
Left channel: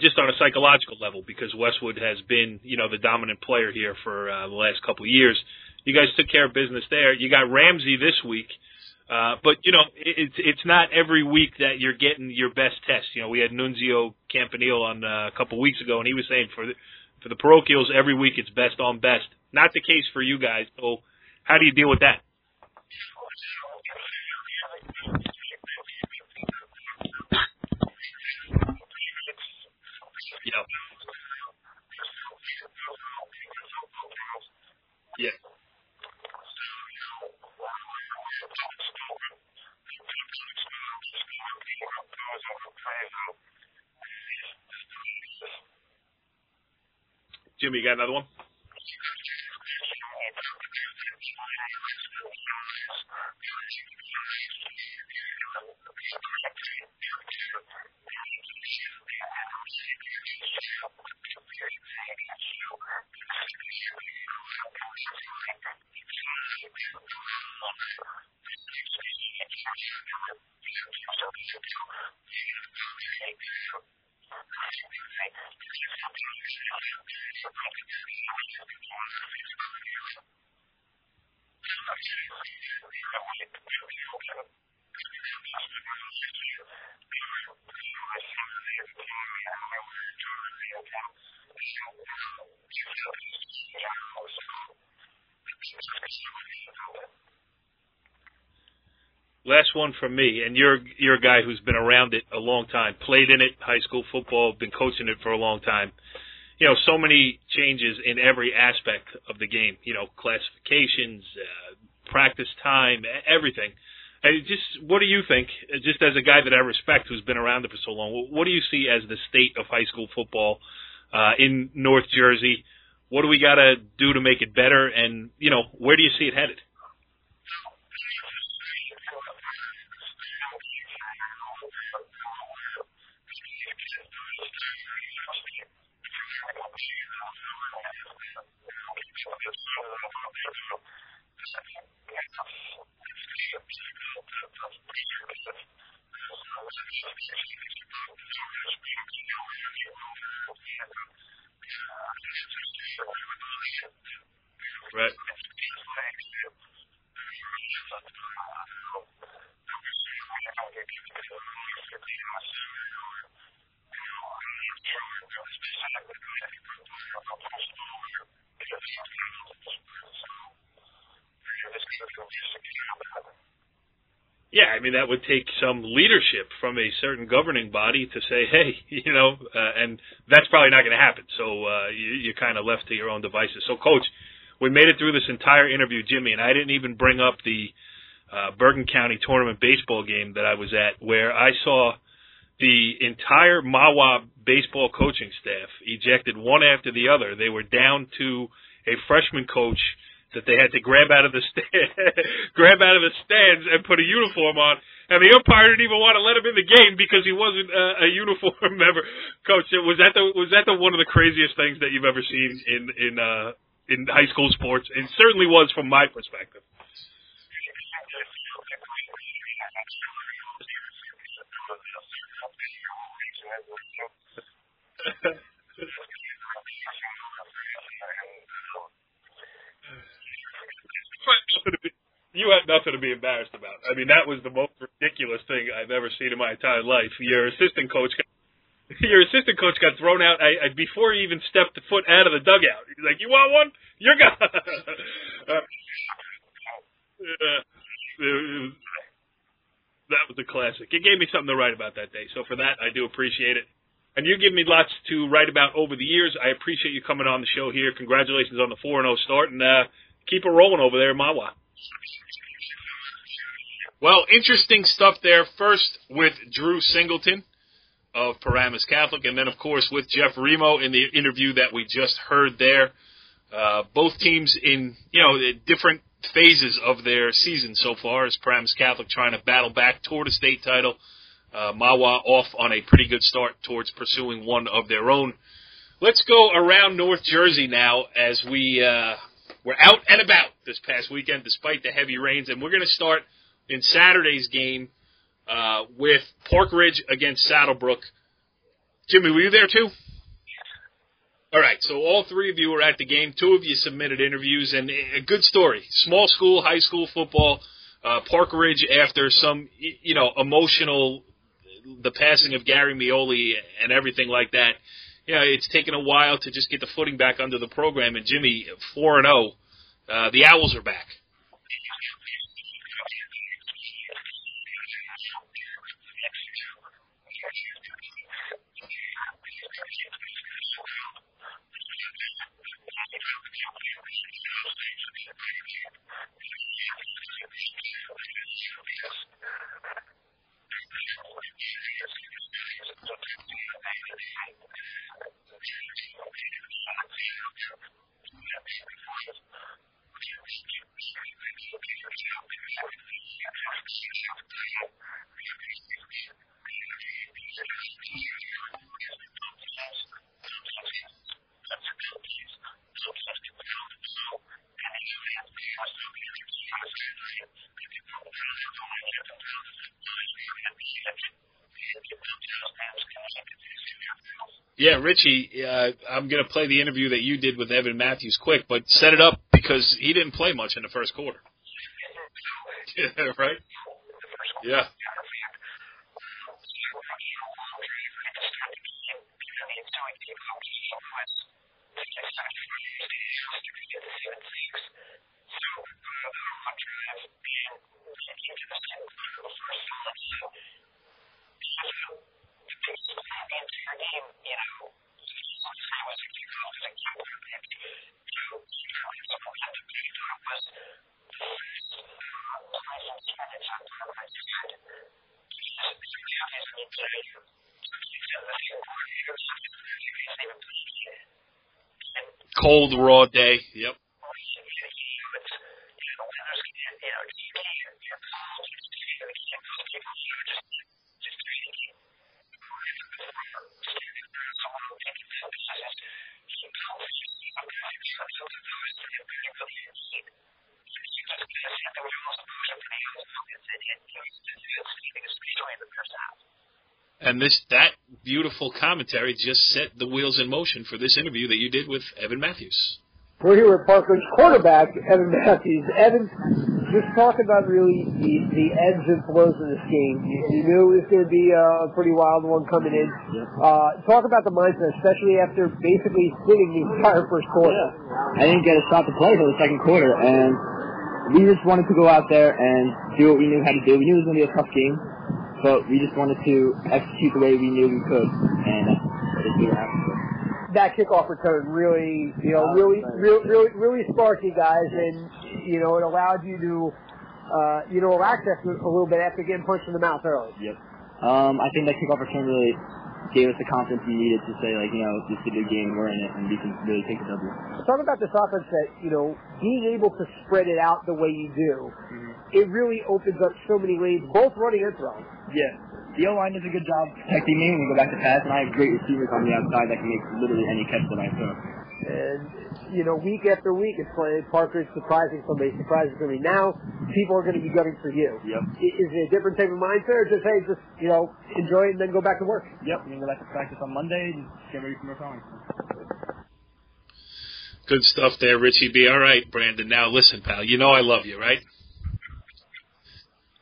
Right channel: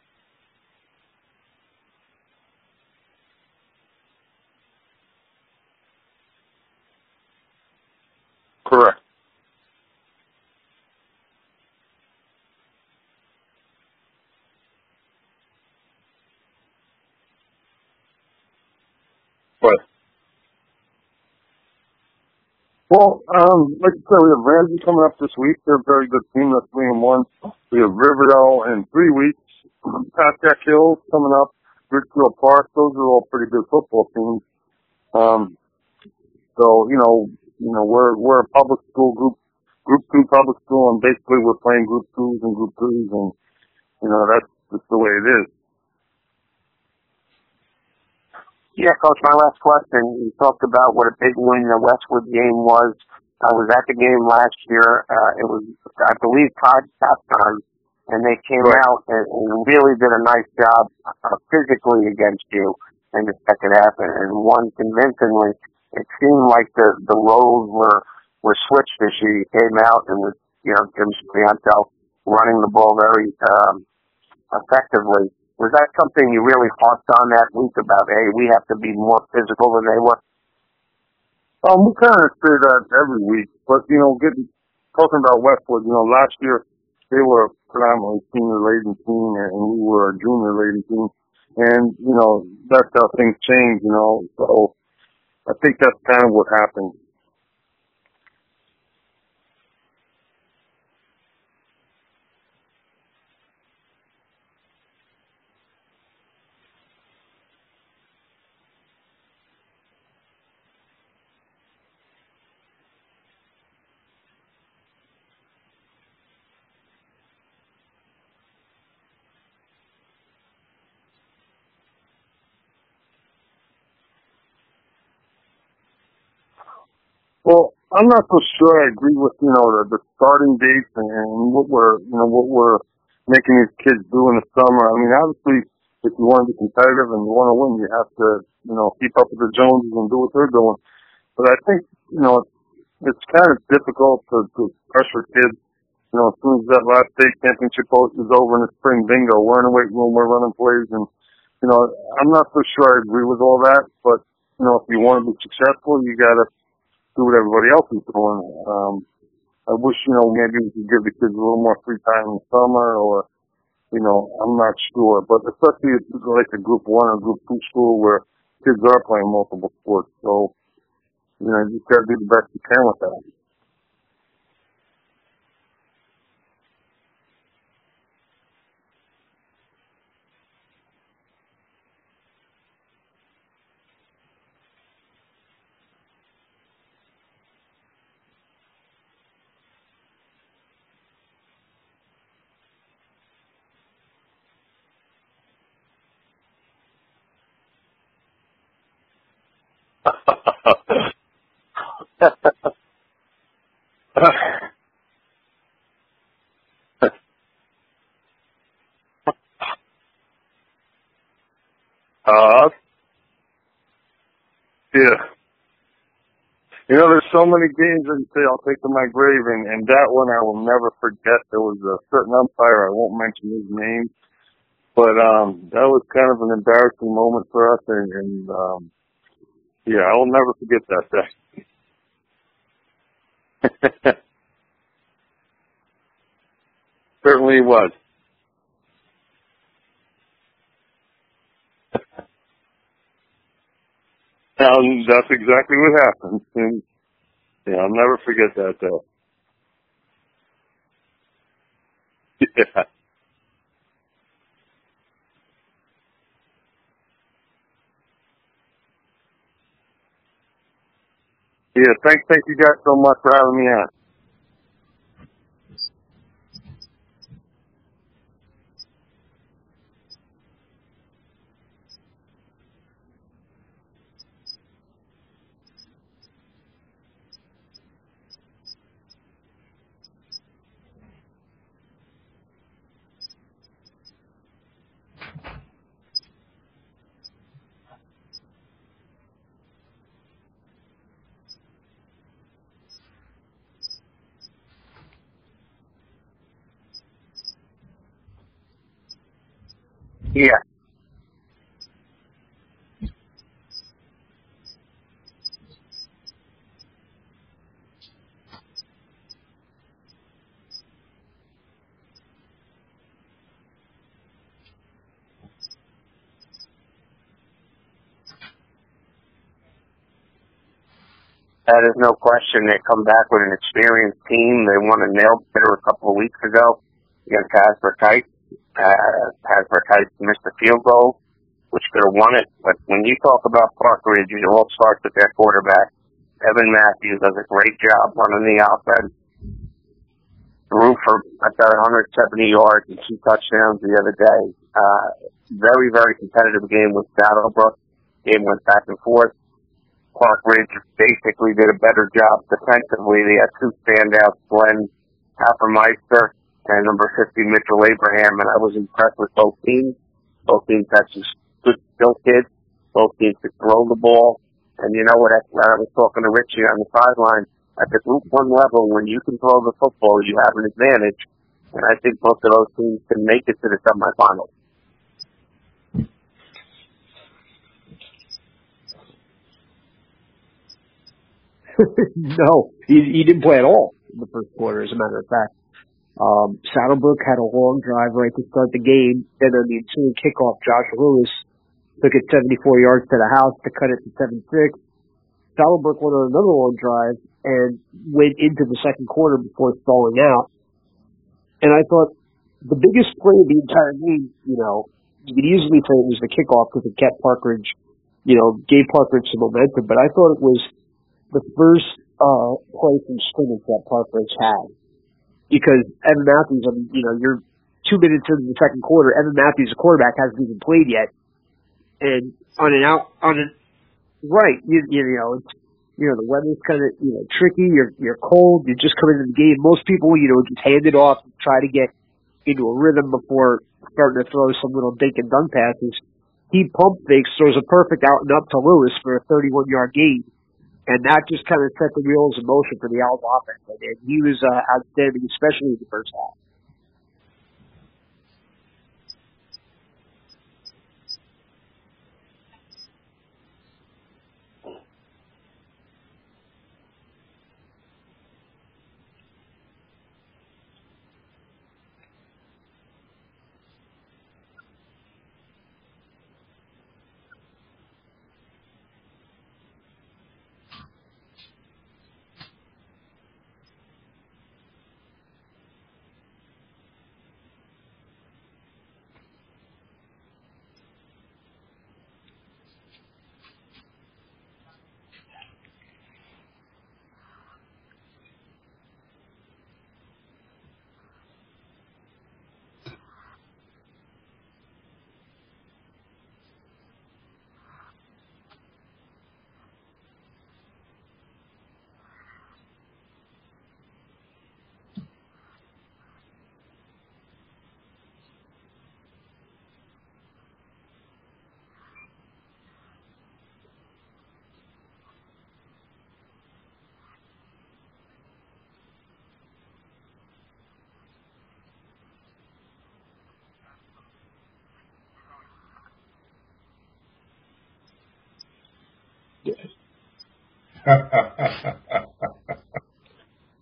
just on a psychological level, because Westwood has been, the dominant player here for the last couple of years. You guys took care of business there. You got Ramsey this week. Correct. But, it's not every week that you're getting your best test. We had Nunzio Campanile on a couple of weeks ago, and he was saying for the parochials, every week it's best on best. Not the case for you guys. So how do you deal with that? Well, like I said, we have Ramsey coming up this week. They're a very good team. They're 3-1. We have Riverdale in 3 weeks. Pascack Hills coming up. Richfield Park. Those are all pretty good football teams. So we're a public school group 2 public school, and basically we're playing group 2s and group 3s, and that's just the way it is. Jimmy, you got another one? Yeah, Coach, my last question. You talked about what a big win the Westwood game was. I was at the game last year. It was, I believe, tied halftime, and they came out and really did a nice job physically against you in the second half and won convincingly. It seemed like the roles were switched this year. You came out and with, Jim Siliento running the ball very effectively. Was that something you really harped on that week about, hey, we have to be more physical than they were? We kind of say that every week, but, talking about Westwood, last year they were a predominantly senior-laden team, and we were a junior-laden team, and, that's how things change, so I think that's kind of what happened. Last one from me, and you're a guy who's been around it a long time, played in it, high school football, been coaching it for a long time. So many changes in every aspect of the game, classifications, practice time, everything. And what do you think, just as a guy that I respect who's been around it for so long, what do you see as the state of high school football in North Jersey. What do we got to do to make it better? And, where do you see it headed? Well, I'm not so sure I agree with, the starting dates and what we're making these kids do in the summer. I mean, obviously, if you want to be competitive and you want to win, you have to, keep up with the Joneses and do what they're doing. But I think, it's kind of difficult to pressure kids. As soon as that last state championship is over in the spring, bingo, we're in the weight room, we're running plays. And, I'm not so sure I agree with all that. But, if you want to be successful, you got to do what everybody else is doing. I wish, maybe we could give the kids a little more free time in the summer or, I'm not sure. But especially like a Group 1 or Group 2 school where kids are playing multiple sports. So, you just got to do the best you can with that. Yeah, I mean, that would take some leadership from a certain governing body to say, hey, and that's probably not going to happen. So you're kind of left to your own devices. So, Coach, we made it through this entire interview, Jimmy, and I didn't even bring up the Bergen County tournament baseball game that I was at, where I saw the entire Mahwah baseball coaching staff ejected one after the other. They were down to a freshman coach that they had to grab out of the stands and put a uniform on. And the umpire didn't even want to let him in the game because he wasn't a uniform member. Coach, was that the one of the craziest things that you've ever seen in high school sports? Yeah. It certainly was from my perspective. There's so many games that you say I'll take to my grave, and that one I will never forget. There was a certain umpire, I won't mention his name, but that was kind of an embarrassing moment for us, and I will never forget that. You had nothing to be embarrassed about. I mean, that was the most ridiculous thing I've ever seen in my entire life. Certainly was. Your assistant coach got thrown out before he even stepped foot out of the dugout. He's like, "You want one? You're gone." That's exactly what happened. And, I'll never forget that day. That was a classic. It gave me something to write about that day. So for that, I do appreciate it. And you give me lots to write about over the years. I appreciate you coming on the show here. Congratulations on the 4-0 start, and keep it rolling over there in Mahwah. Yeah, thank you guys so much for having me on. Well, interesting stuff there. First with Drew Singleton of Paramus Catholic, and then, of course, with Jeff Remo in the interview that we just heard there. Both teams in, different phases of their season so far, as Paramus Catholic trying to battle back toward a state title. Mahwah off on a pretty good start towards pursuing one of their own. Let's go around North Jersey now as we're out and about this past weekend despite the heavy rains, and we're going to start in Saturday's game with Park Ridge against Saddlebrook. Jimmy, were you there too? Yes. All right, so all three of you were at the game. Two of you submitted interviews, and a good story. Small school, high school football. Park Ridge, after some, emotional, the passing of Gary Mioli and everything like that, it's taken a while to just get the footing back under the program. And Jimmy, 4-0, the Owls are back. That is no question. They come back with an experienced team. They won a nail-biter a couple of weeks ago against Hasbrook Heights. Hasbrook Heights missed a field goal, which could have won it. But when you talk about Park Ridge, it all starts with their quarterback. Evan Matthews does a great job running the offense. Threw for about 170 yards and 2 touchdowns the other day. Very, very competitive game with Saddlebrook. Game went back and forth. Park Ridge basically did a better job defensively. They had 2 standouts, Glenn Happermeister and number 50, Mitchell Abraham, and I was impressed with both teams. Both teams had some good skill kids. Both teams could throw the ball. And you know what? When I was talking to Richie on the sideline, at the Group 1 level, when you can throw the football, you have an advantage. And I think both of those teams can make it to the semifinals. Yeah, Richie, I'm going to play the interview that you did with Evan Matthews quick, but set it up because he didn't play much in the first quarter. No, he didn't play at all in the first quarter, as a matter of fact. Saddlebrook had a long drive right to start the game. Then on the ensuing kickoff, Josh Lewis took it 74 yards to the house to cut it to 7-6. Saddlebrook went on another long drive and went into the second quarter before stalling out. And I thought the biggest play of the entire game, you could easily say it was the kickoff because it kept Park Ridge, gave Park Ridge some momentum. But I thought it was the first play from scrimmage that Park Ridge had. Because Evan Matthews, you're 2 minutes into the second quarter, Evan Matthews, the quarterback, hasn't even played yet. And cold, raw day. Yep. Right. You know, it's, you know, the weather's kind of, you know, tricky. You're cold. You're just coming into the game. Most people, you know, just hand it off, just try to get into a rhythm before starting to throw some little dink and dunk passes. He pump fakes, throws a perfect out and up to Lewis for a 31-yard gain. And that just kind of set the wheels in motion for the Owls offense. And he was outstanding, especially in the first half. And that beautiful commentary just set the wheels in motion for this interview that you did with Evan Matthews. We're here with Parker's quarterback, Evan Matthews. Evan, just talk about really the ebbs and flows of this game. You knew it was going to be a pretty wild one coming in. Talk about the mindset, especially after basically sitting the entire first quarter. I didn't get a shot to play for the second quarter, and we just wanted to go out there and do what we knew how to do. We knew it was going to be a tough game, but we just wanted to execute the way we knew we could, and just do what happened. That kickoff return really, you know, really sparked you guys, and you know, it allowed you to, you know, relax a little bit after getting punched in the mouth early. Yep. I think that kickoff return really gave us the confidence we needed to say, like, you know, this is a good game, we're in it, and we can really take the W. Talk about this offense that, you know, being able to spread it out the way you do, it really opens up so many lanes, both running and throwing. Yeah. The O-line does a good job protecting me when we go back to pass, and I have great receivers on the outside that can make literally any catch that I throw. And, you know, week after week, it's like Parker's surprising somebody, surprising somebody. Now, people are going to be gunning for you. Yep. Is it a different type of mindset, or just, hey, just, you know, enjoy it and then go back to work? Yep, we're going to go back to practice on Monday and get ready for more time. Good stuff there, Richie B. All right, Brandon. Now, listen, pal, you know I love you, right?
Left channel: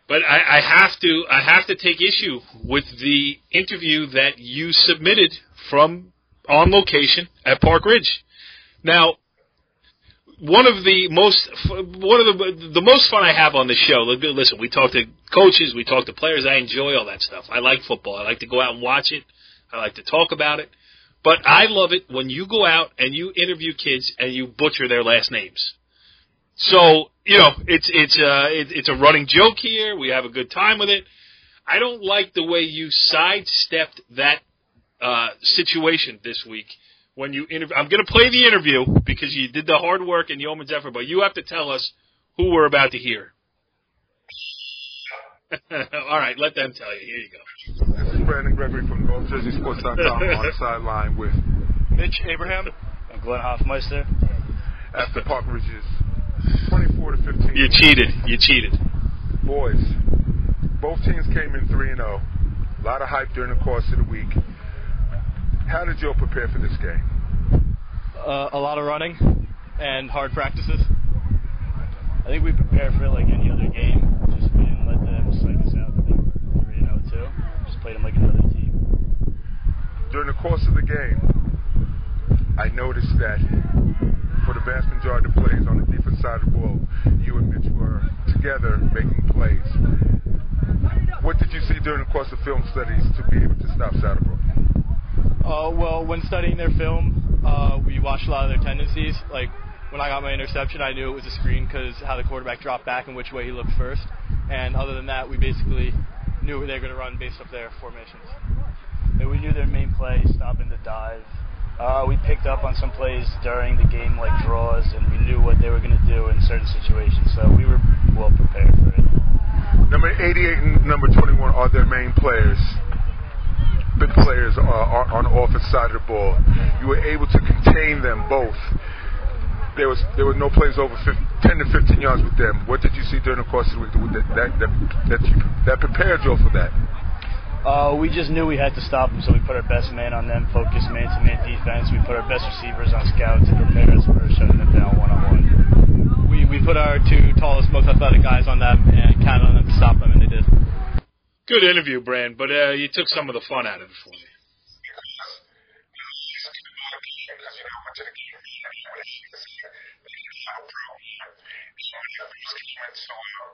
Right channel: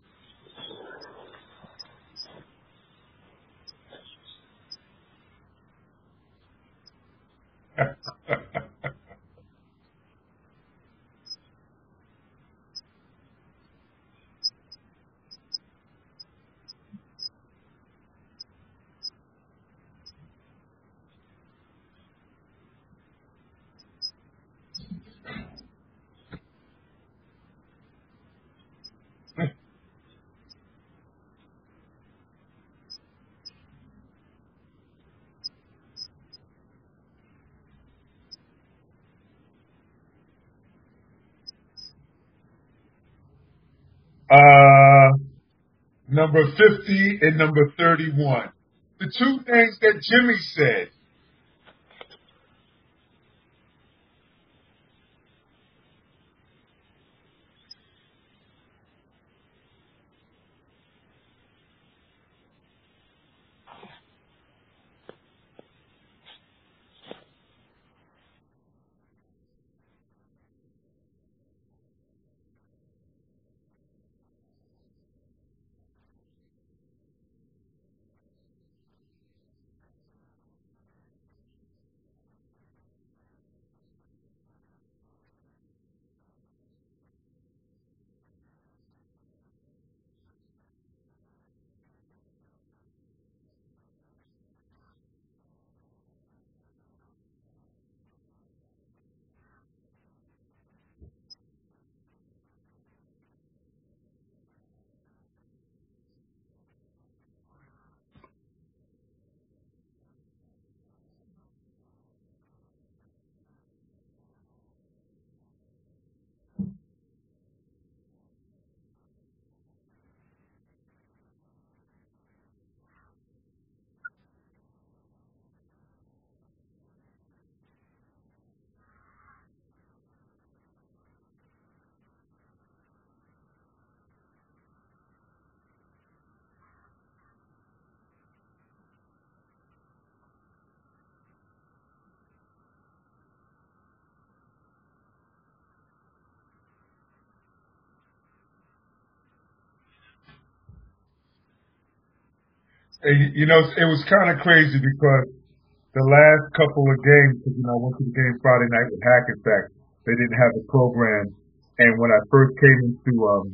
But I have to take issue with the interview that you submitted from on location at Park Ridge. Now, one of the most fun I have on the show. Listen, we talk to coaches, we talk to players. I enjoy all that stuff. I like football. I like to go out and watch it. I like to talk about it. But I love it when you go out and you interview kids and you butcher their last names. So, you know, it's a running joke here. We have a good time with it. I don't like the way you sidestepped that situation this week when you interview. I'm going to play the interview because you did the hard work and yeoman's effort, but you have to tell us who we're about to hear. Number 50 and number 31. The two names that Jimmy said. With Mitch Abraham and Glenn Hoffmeister after Park Ridge's 24 to 15. You cheated. Boys, both teams came in 3-0. A lot of hype during the course of the week. How did you all prepare for this game? A lot of running and hard practices. I think we prepared for it like any other game. Just we didn't let them psych us out that they were 3-0 too. Just played them like another team. During the course of the game, I noticed that for the vast majority of the plays on the defense side of the ball, you and Mitch were together making plays. What did you see during the course of film studies to be able to stop Saddlebrook? Well, when studying their film, we watched a lot of their tendencies. Like, when I got my interception, I knew it was a screen because how the quarterback dropped back and which way he looked first. And other than that, we basically knew what they were going to run based off their formations. And we knew their main play, stopping the dive. We picked up on some plays during the game, like draws, and we knew what they were going to do in certain situations. So we were well prepared for it. Number 88 and number 21 are their main players. Big players are on the offensive side of the ball. You were able to contain them both. There were no plays over 10 to 15 yards with them. What did you see during the course of the week that prepared you for that? We just knew we had to stop them, so we put our best man on them, focused man-to-man defense. We put our best receivers on scout to prepare us for shutting them down one-on-one. We put our two tallest, most athletic guys on them and counted on them to stop them, and they did. Good interview, Brand, but you took some of the fun out. It was kind of crazy because the last couple of games, because, I went to the game Friday night with Hackensack. They didn't have a program. And when I first came into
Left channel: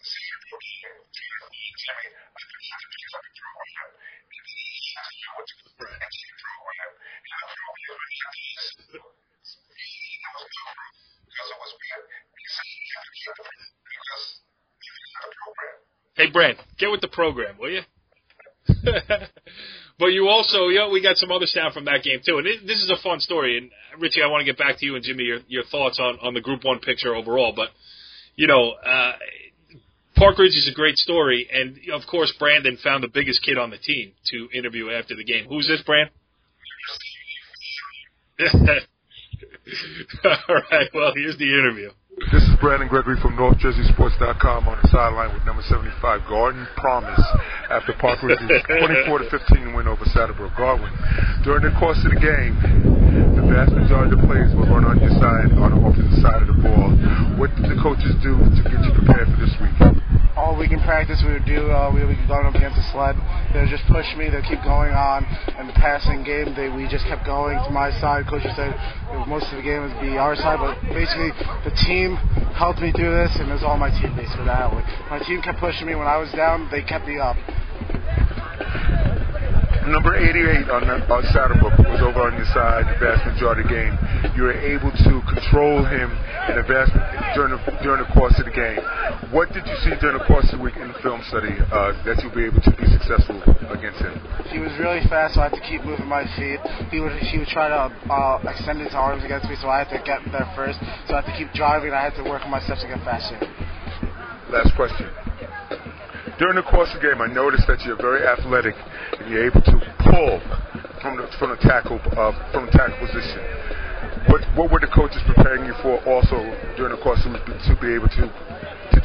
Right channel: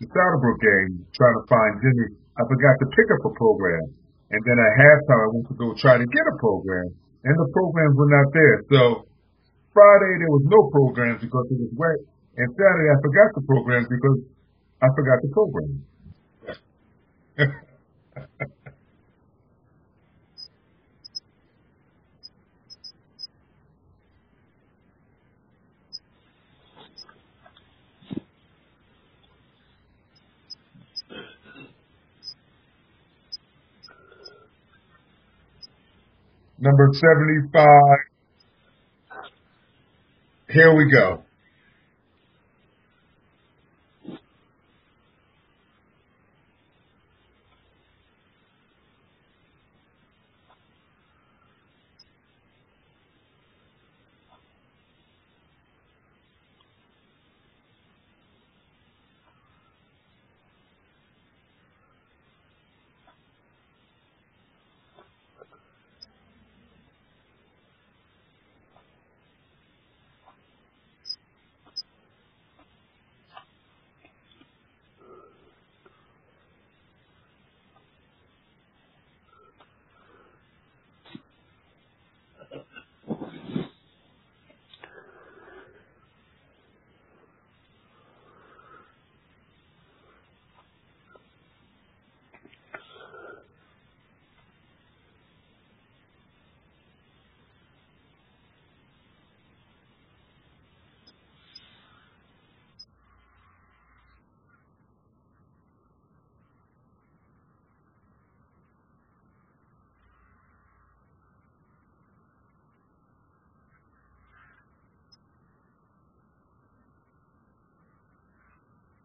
the Saddlebrook game, trying to find Jimmy, I forgot to pick up a program. And then at halftime, I went to go try to get a program, and the programs were not there. So Friday, there was no programs because it was wet. And Saturday, I forgot the programs because I forgot the program. Hey, Brad, get with the program, will you? But you also, we got some other sound from that game too, and this is a fun story. And Richie, I want to get back to you and Jimmy your thoughts on the Group 1 picture overall. But Park Ridge is a great story, and of course Brandon found the biggest kid on the team to interview after the game. Who's this, Brand? Number 75. Here we go. Well, here's the interview. This is Brandon Gregory from NorthJerseySports.com on the sideline with number 75, Garden Promise, after Park Ridge's 24-15 win over Saddlebrook. Garwin, during the course of the game, the vast majority of the plays were run on your side, on the offensive side of the ball. What did the coaches do to get you prepared for this week? All week in practice, we would be going up against the sled. They would just push me. They'd keep going on. And the passing game, we just kept going to my side. Coach said most of the game would be our side, but basically the team helped me through this, and it was all my teammates for that. My team kept pushing me. When I was down, they kept me up. Number 88 on Saddlebrook was over on your side the vast majority of the game. You were able to control him in during the course of the game. What did you see during the course of the week in the film study that you'll be able to be successful against him? He was really fast, so I had to keep moving my feet. He would try to extend his arms against me, so I had to get there first. So I had to keep driving, and I had to work on my steps to get faster. Last question. During the course of the game, I noticed that you're very athletic and you're able to pull from the tackle position. What were the coaches preparing you for also during the course of the week to be able to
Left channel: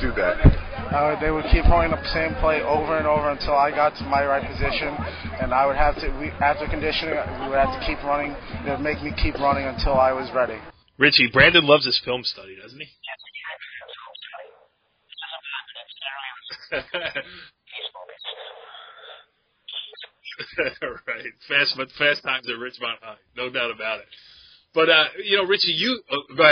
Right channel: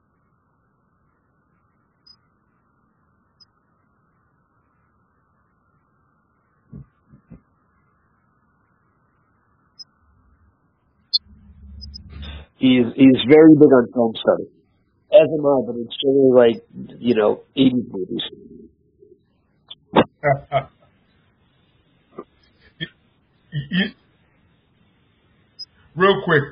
do that? They would keep throwing the same play over and over until I got to my right position, and I would have to, after conditioning, we would have to keep running. They would make me keep running until I was ready. Richie, Brandon loves his film study. He's very big on film study. As am I, but it's generally like, 80s movies. Right. Fast times at Richmond High. No doubt about it. But, Richie, you... Real quick,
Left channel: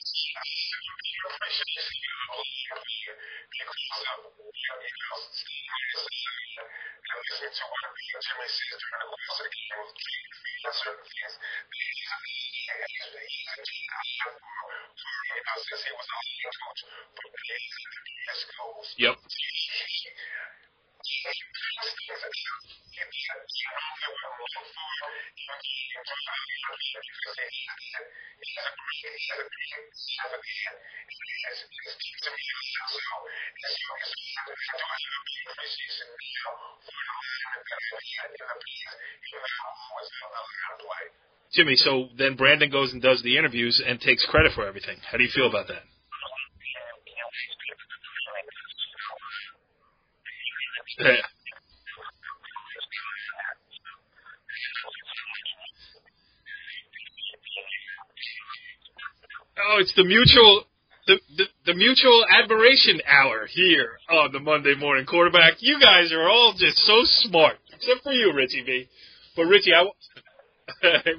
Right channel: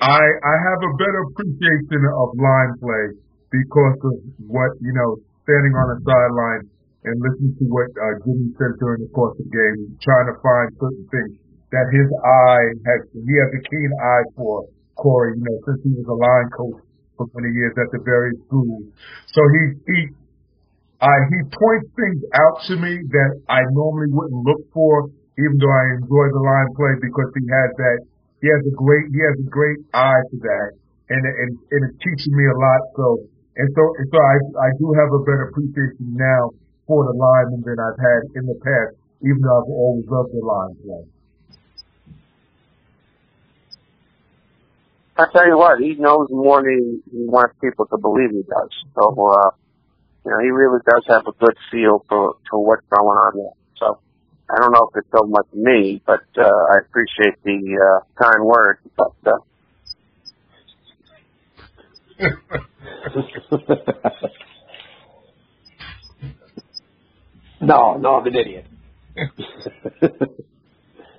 I have a better appreciation of line play because of what, standing on the sideline and listening to what Jimmy says during the course of the game, trying to find certain things that he has a keen eye for, Corey, since he was a line coach for many years at the various schools. Yep. So he points things out to me that I normally wouldn't look for, even though I enjoy the line play, because he has a great eye for that, and it's teaching me a lot. So I do have a better appreciation now for the linemen than I've had in the past, even though I've always loved the line play. Jimmy, so then Brandon goes and does the interviews and takes credit for everything. I tell you what, he knows more than he wants people to believe he does. So, he really does have a good feel for what's going on there. So, I don't know if it's so much me, but I appreciate the kind words. But it's the mutual admiration hour here on the Monday Morning Quarterback. You guys are all just so smart. No, you, Richie B. But Richie,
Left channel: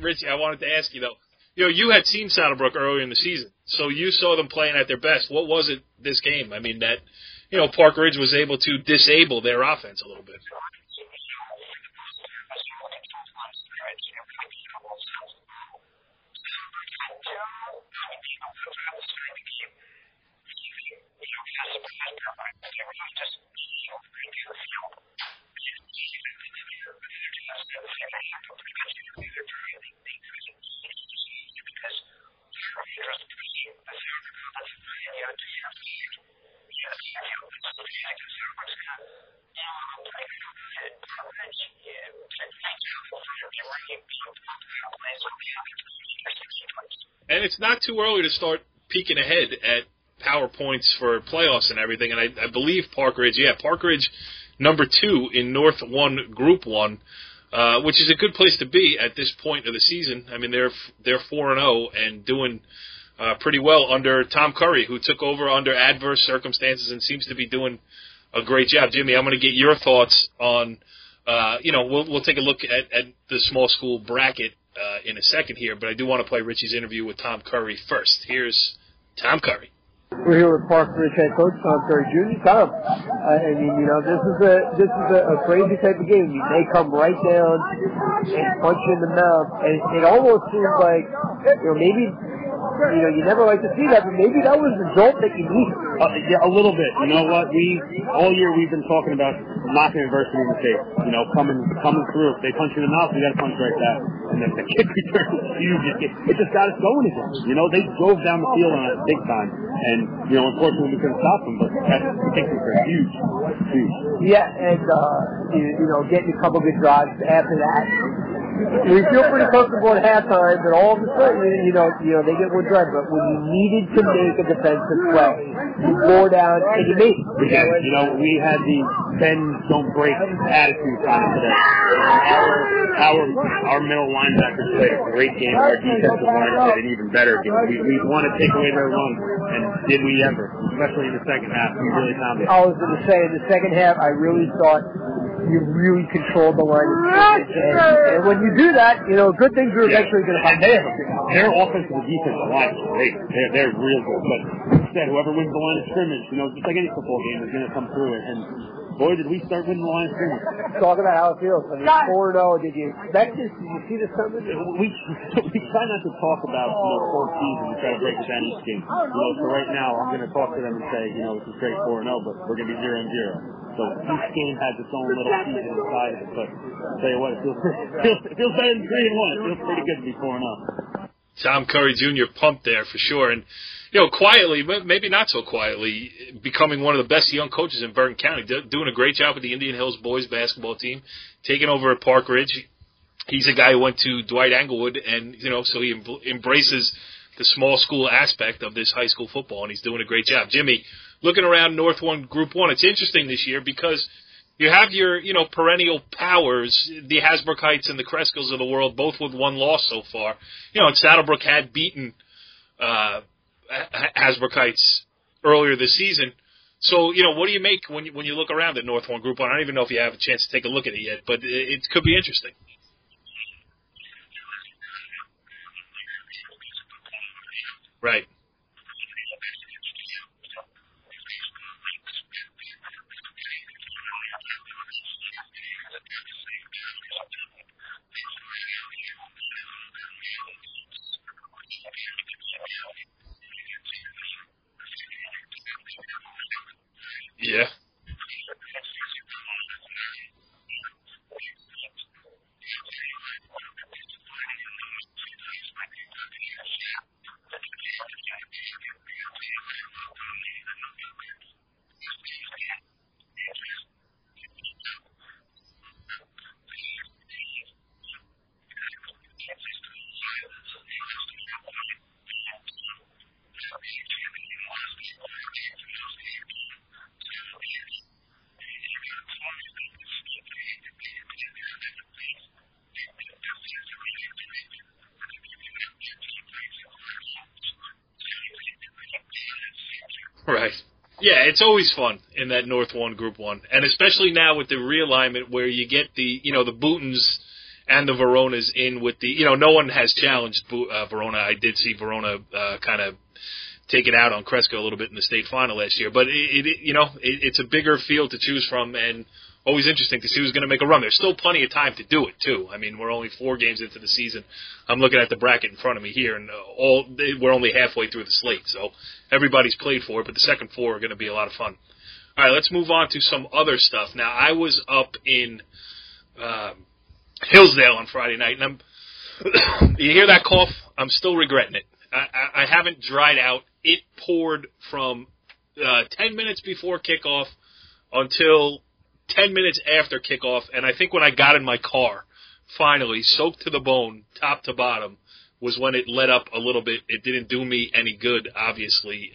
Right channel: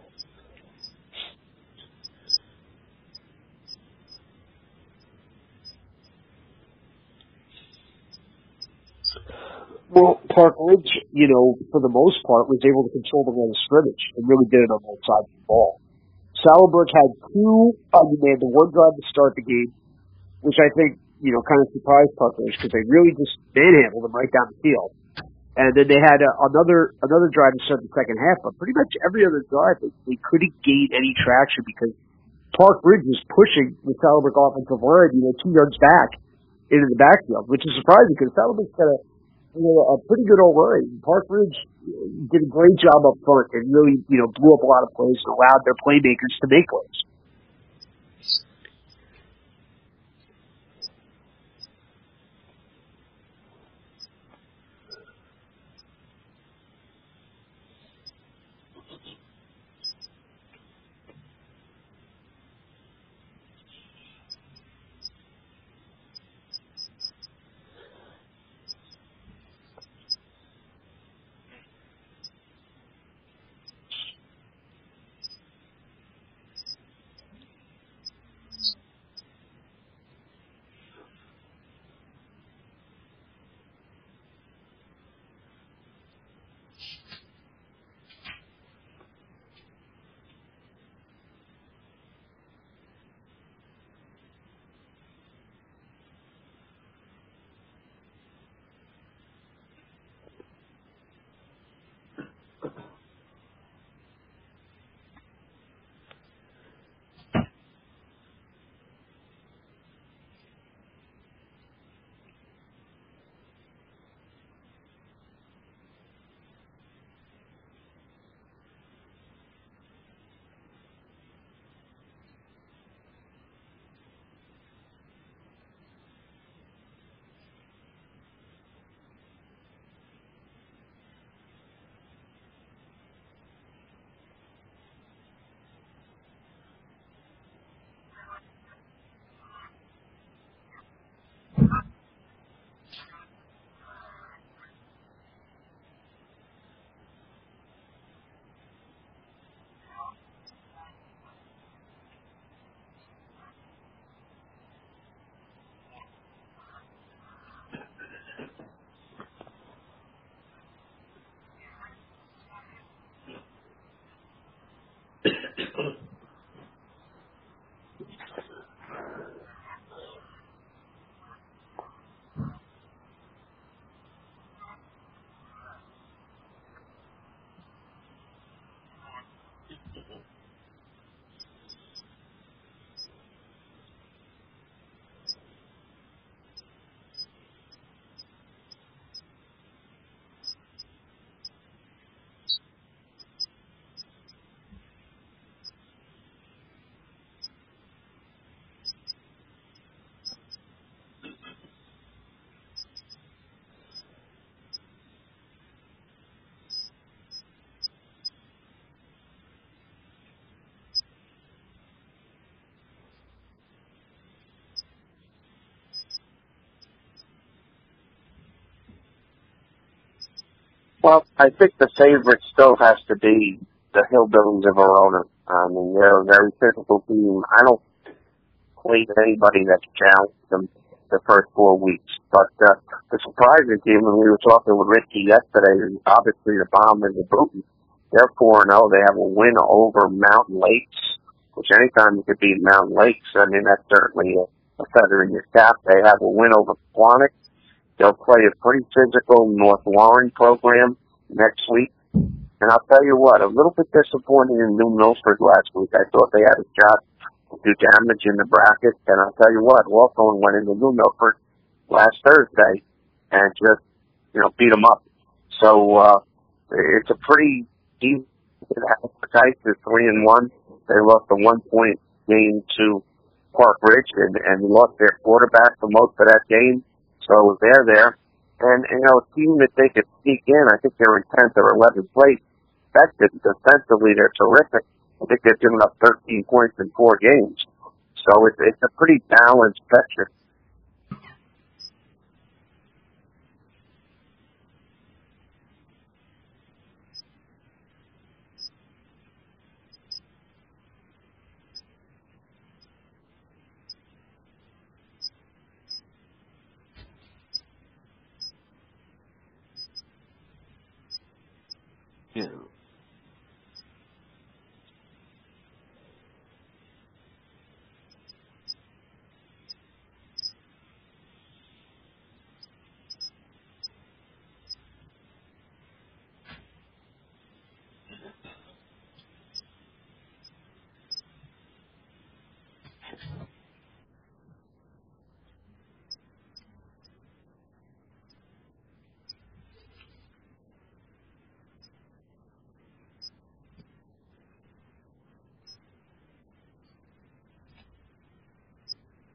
Richie, I wanted to ask you, though. You had seen Saddlebrook earlier in the season, so you saw them playing at their best. What was it this game? I mean, that, Park Ridge was able to disable their offense. Well, Park Ridge, for the most part, was able to control the line of scrimmage. It really did it on both sides of the ball. Saddlebrook had they had the one drive to start the game, which I think, kind of surprised Park Ridge because they really just manhandled them right down the field. And then they had another drive to start the second half, but pretty much every other drive they couldn't gain any traction because Park Ridge was pushing the Saddlebrook offensive line, 2 yards back into the backfield, which is surprising because Saddlebrook's got a pretty good old line, and Park Ridge did a great job up front and really blew up a lot of plays and allowed their playmakers to make plays. And it's not too early to start peeking ahead at PowerPoints for playoffs and everything. And I believe Park Ridge number 2 in North 1 Group 1, which is a good place to be at this point of the season. I mean, they're 4-0 and doing pretty well under Tom Curry, who took over under adverse circumstances and seems to be doing a great job. Jimmy, I'm going to get your thoughts on, we'll take a look at the small school bracket in a second here, but I do want to play Richie's interview with Tom Curry first. Here's Tom Curry. We're here with Park Ridge head coach Tom Curry Jr. Tom, this is a crazy type of game. They come right down and punch you in the mouth, and it almost seems like maybe You never like to see that, but maybe that was the jolt that you needed. Yeah, a little bit. You know what? All year we've been talking about knocking adversity in the face. Coming through. If they punch you in the mouth, we got to punch right back. And then the kick return was huge. It just got us going again. They drove down the field on us big time. And, unfortunately we couldn't stop them, but that kick return, huge. Yeah, and, getting a couple good drives after that. We feel pretty comfortable at halftime, but all of a sudden, they get one drive. But when you needed to make a defensive play, you bore down and you made it. We had the bend, don't break attitude kind of today. Our middle linebackers played a great game. Our defensive line played an even better game. We want to take away their run, and did we ever? Especially in the second half, we really found it. I was going to say, in the second half, I really thought you really controlled the line of scrimmage. And when you do that, good things are eventually going to come. Their offensive and defensive line is great. They're real good. But instead, whoever wins the line of scrimmage, just like any football game, is going to come through it. And boy, did we start winning the line of scrimmage. Talk about how it feels. 4-0. Did you expect this? Did you see this coming? We try not to talk about fourth season. We try to break it down each game. So right now, I'm going to talk to them and say, this is straight 4-0, but we're going to be 0-0. So each game has its own little season inside of it. But I'll tell you what, it feels better than 3-1. It feels pretty good to be 4-0. Tom Curry Jr. pumped there for sure. And, quietly, maybe not so quietly, becoming one of the best young coaches in Bergen County, doing a great job with the Indian Hills boys basketball team, taking over at Park Ridge. He's a guy who went to Dwight Englewood, and, so he embraces the small school aspect of this high school football, and he's doing a great job. Jimmy, looking around North 1 Group 1, it's interesting this year because you have your, perennial powers, the Hasbroukites and the Kreskels of the world, both with one loss so far. And Saddlebrook had beaten Hasbroukites earlier this season. So, what do you make when you look around at North 1 Group 1? I don't even know if you have a chance to take a look at it yet, but I think the favorite still has to be the Hillbillies of Verona. I mean, they're a very physical team. I don't play anybody that's challenged them the first 4 weeks. But the surprising team, and we were talking with Richie yesterday, is obviously the Bombers of Booton. They're 4-0. They have a win over Mountain Lakes, which anytime you could beat Mountain Lakes, I mean, that's certainly a feather in your cap. They have a win over Quantick. Yeah. They'll play a pretty physical North Warren program next week. And I'll tell you what, a little bit disappointing in New Milford last week. I thought they had a shot to do damage in the bracket. And I'll tell you what, Hawthorne went into New Milford last Thursday and just, beat them up. So, it's a pretty deep. Hasbroukites is 3-1. They lost a 1-point game to Park Ridge and lost their quarterback for most of that game. So they're there. And, a team that they could sneak in, I think they're in 10th or 11th place. Defensively, they're terrific. I think they've given up 13 points in 4 games. So it's a pretty balanced section. Right. Yeah, it's always fun in that North 1 Group 1. And especially now with the realignment where you get the Bootons and the Veronas in with the, no one has challenged Verona. I did see Verona kind of take it out on Cresco a little bit in the state final last year. But, it's a bigger field to choose from and always interesting to see who's going to make a run. There's still plenty of time to do it, too. I mean, we're only 4 games into the season. I'm looking at the bracket in front of me here, and we're only halfway through the slate. So everybody's played for it, but the second 4 are going to be a lot of fun. All right, let's move on to some other stuff. Now, I was up in Hillsdale on Friday night, and you hear that cough? I'm still regretting it. I haven't dried out. It poured from 10 minutes before kickoff until 10 minutes after kickoff, and I think when I got in my car, finally, soaked to the bone, top to bottom, was when it let up a little bit. It didn't do me any good, obviously,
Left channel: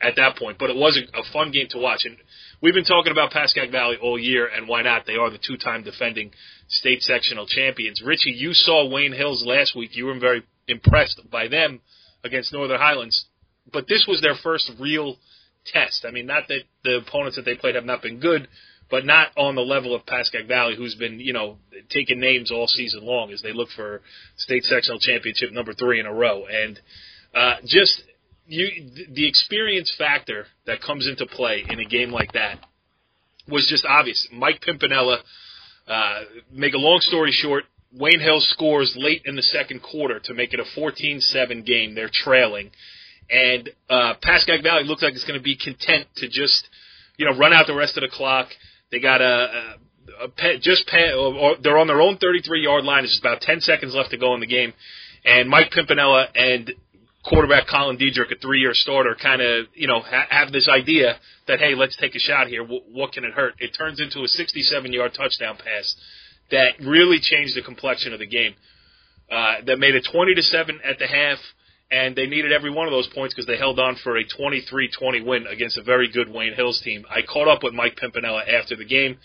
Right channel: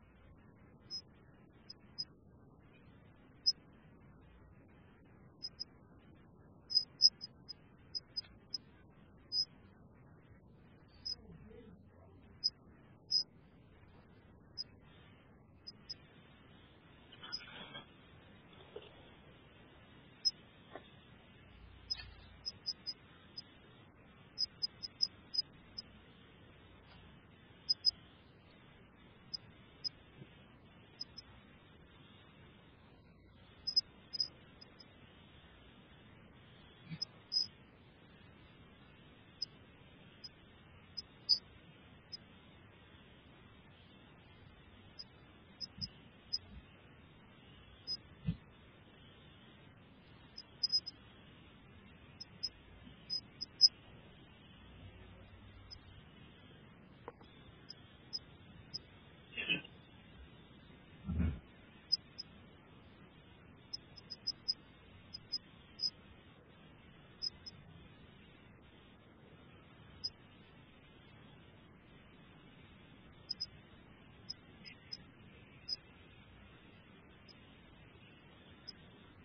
at that point, but it was a fun game to watch. And we've been talking about Pascagoula Valley all year, and why not? They are the 2-time defending state sectional champions. Richie, you saw Wayne Hills last week. You were very impressed by them against Northern Highlands, but this was their first real test. I mean, not that the opponents that they played have not been good, but not on the level of Pascagoula Valley, who's been, taking names all season long as they look for state sectional championship number 3 in a row. And the experience factor that comes into play in a game like that was just obvious. Mike Pimpinella, make a long story short, Wayne Hills scores late in the second quarter to make it a 14-7 game. They're trailing. And Pascagoula Valley looks like it's going to be content to just, run out the rest of the clock. They got they're on their own 33-yard line. It's just about 10 seconds left to go in the game. And Mike Pimpinella and quarterback Colin Diedrich, a 3-year starter, kind of, have this idea that, hey, let's take a shot here. What can it hurt? It turns into a 67-yard touchdown pass that really changed the complexion of the game. That made it 20-7 at the half, and they needed every one of those points because they held on for a 23-20 win against a very good Wayne Hills team. I caught up with Mike Pimpinella after the game.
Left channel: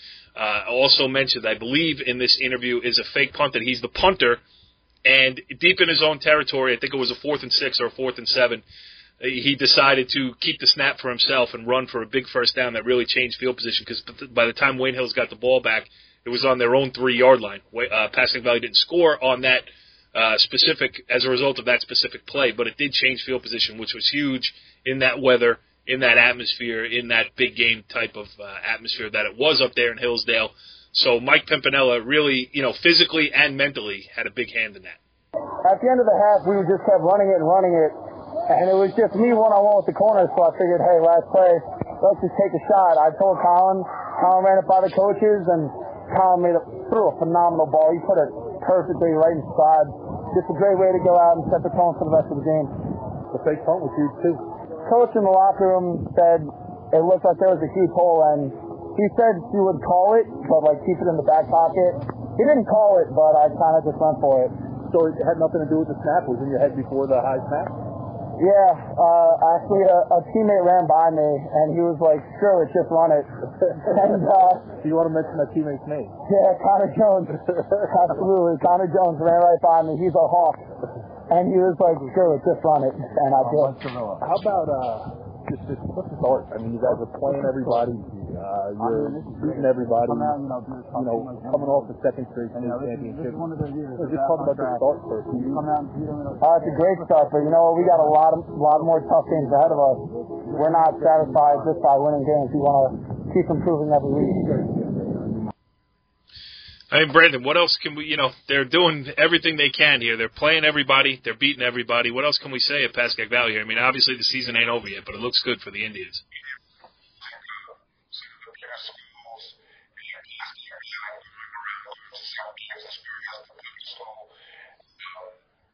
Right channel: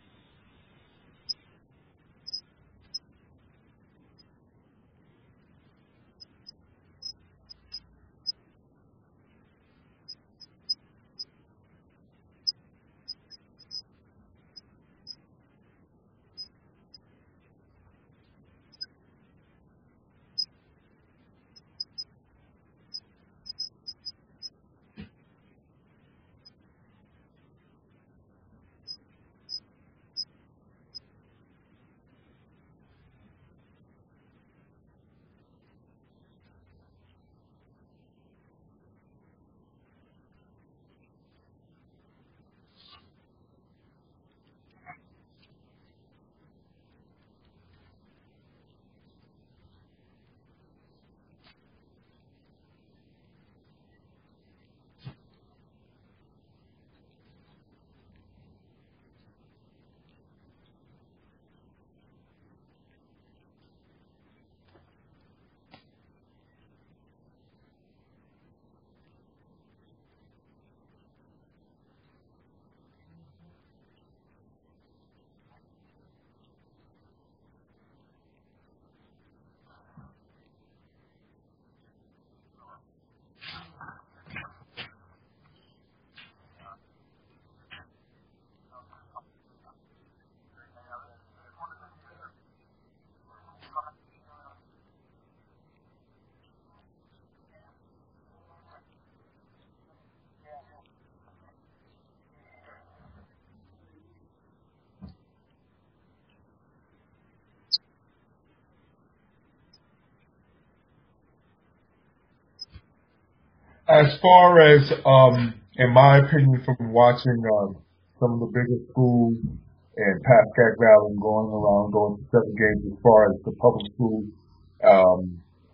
Also mentioned, I believe in this interview, is a fake punt that he's the punter, and deep in his own territory, I think it was a 4th and 6 or a 4th and 7, he decided to keep the snap for himself and run for a big first down that really changed field position because by the time Wayne Hills got the ball back, it was on their own 3-yard line. Pascagoula Valley didn't score on that as a result of that specific play, but it did change field position, which was huge in that weather, in that atmosphere, in that big game type of atmosphere that it was up there in Hillsdale. So Mike Pimpinella really, physically and mentally had a big hand in that. At the end of the half, we just kept running it, and it was just me one-on-one with the corner, so I figured, hey, last play, let's just take a shot. I told Colin ran it by the coaches, and Colin threw a phenomenal ball. He put it perfectly right inside. Just a great way to go out and set the tone for the rest of the game. The fake punt was huge, too. Coach in the locker room said it looked like there was a huge hole, and he said he would call it, but, keep it in the back pocket. He didn't call it, but I kind of just went for it. So it had nothing to do with the snap? It was in your head before the high snap? Yeah. Actually, a teammate ran by me, and he was like, screw it, just run it. And, do you want to mention that teammate's name? Yeah, Connor Jones. Absolutely. Connor Jones ran right by me. He's a Hawk. And he was like, screw it, just run it. And I did. How about just what's the start? I mean, you guys are playing everybody. You're beating everybody. Coming off the second straight state championship. Just talk about the start first. It's a great start, but we got a lot more tough games ahead of us. We're not satisfied just by winning games. We want to keep improving every week. I mean, Brandon, what else can we, they're doing everything they can here. They're playing everybody. They're beating everybody. What else can we say at Pascagoula Valley here? I mean, obviously as far the season looks good for the in my opinion, from watching some of the bigger schools in Pascagoula Valley and going to several games as far as the public school,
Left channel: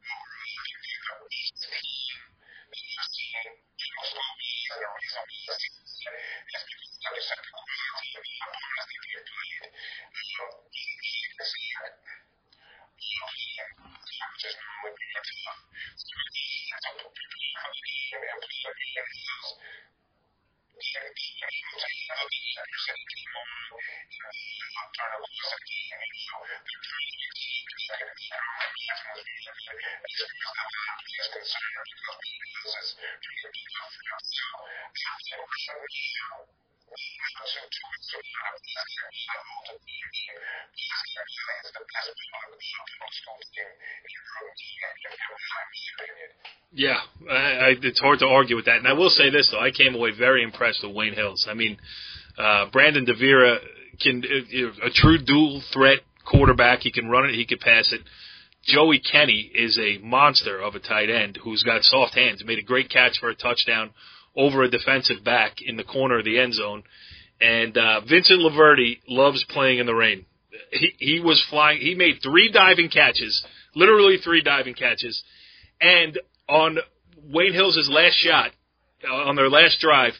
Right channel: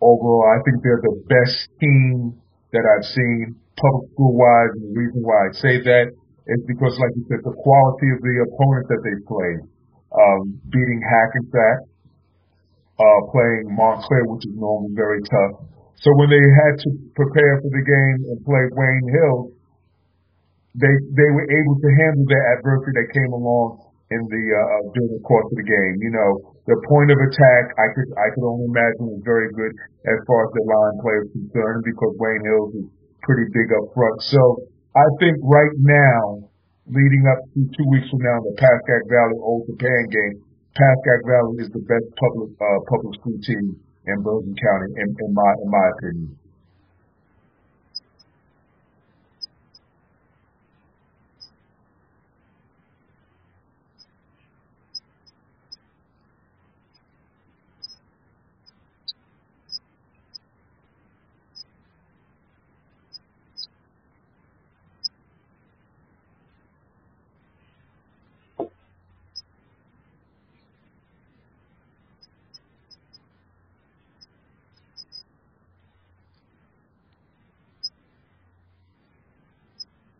overall, I think they're the best team that I've seen public school-wise, and the reason why I say that is because, like you said, the quality of the opponents that they've played. Beating Hackensack, playing Montclair, which is normally very tough. So when they had to prepare for the game and play Wayne Hills, they were able to handle the adversity that came along in the during the course of the game. Their point of attack, I could only imagine, was very good as far as the line play is concerned because Wayne Hills is pretty big up front. So I think right now, leading up to 2 weeks from now in the Pascagoula Valley Old Japan game, Pascagoula Valley is the best public school team in Bergen County, in my opinion. Yeah, it's hard to argue with that. And I will say this, though. I came away very impressed with Wayne Hills. I mean, Brandon DeVera a true dual threat quarterback. He can run it, he can pass it. Joey Kenny is a monster of a tight end who's got soft hands. Made a great catch for a touchdown over a defensive back in the corner of the end zone. And Vincent Laverty loves playing in the rain. He was flying. He made 3 diving catches, literally 3 diving catches. And on Wayne Hills' last shot, on their last drive,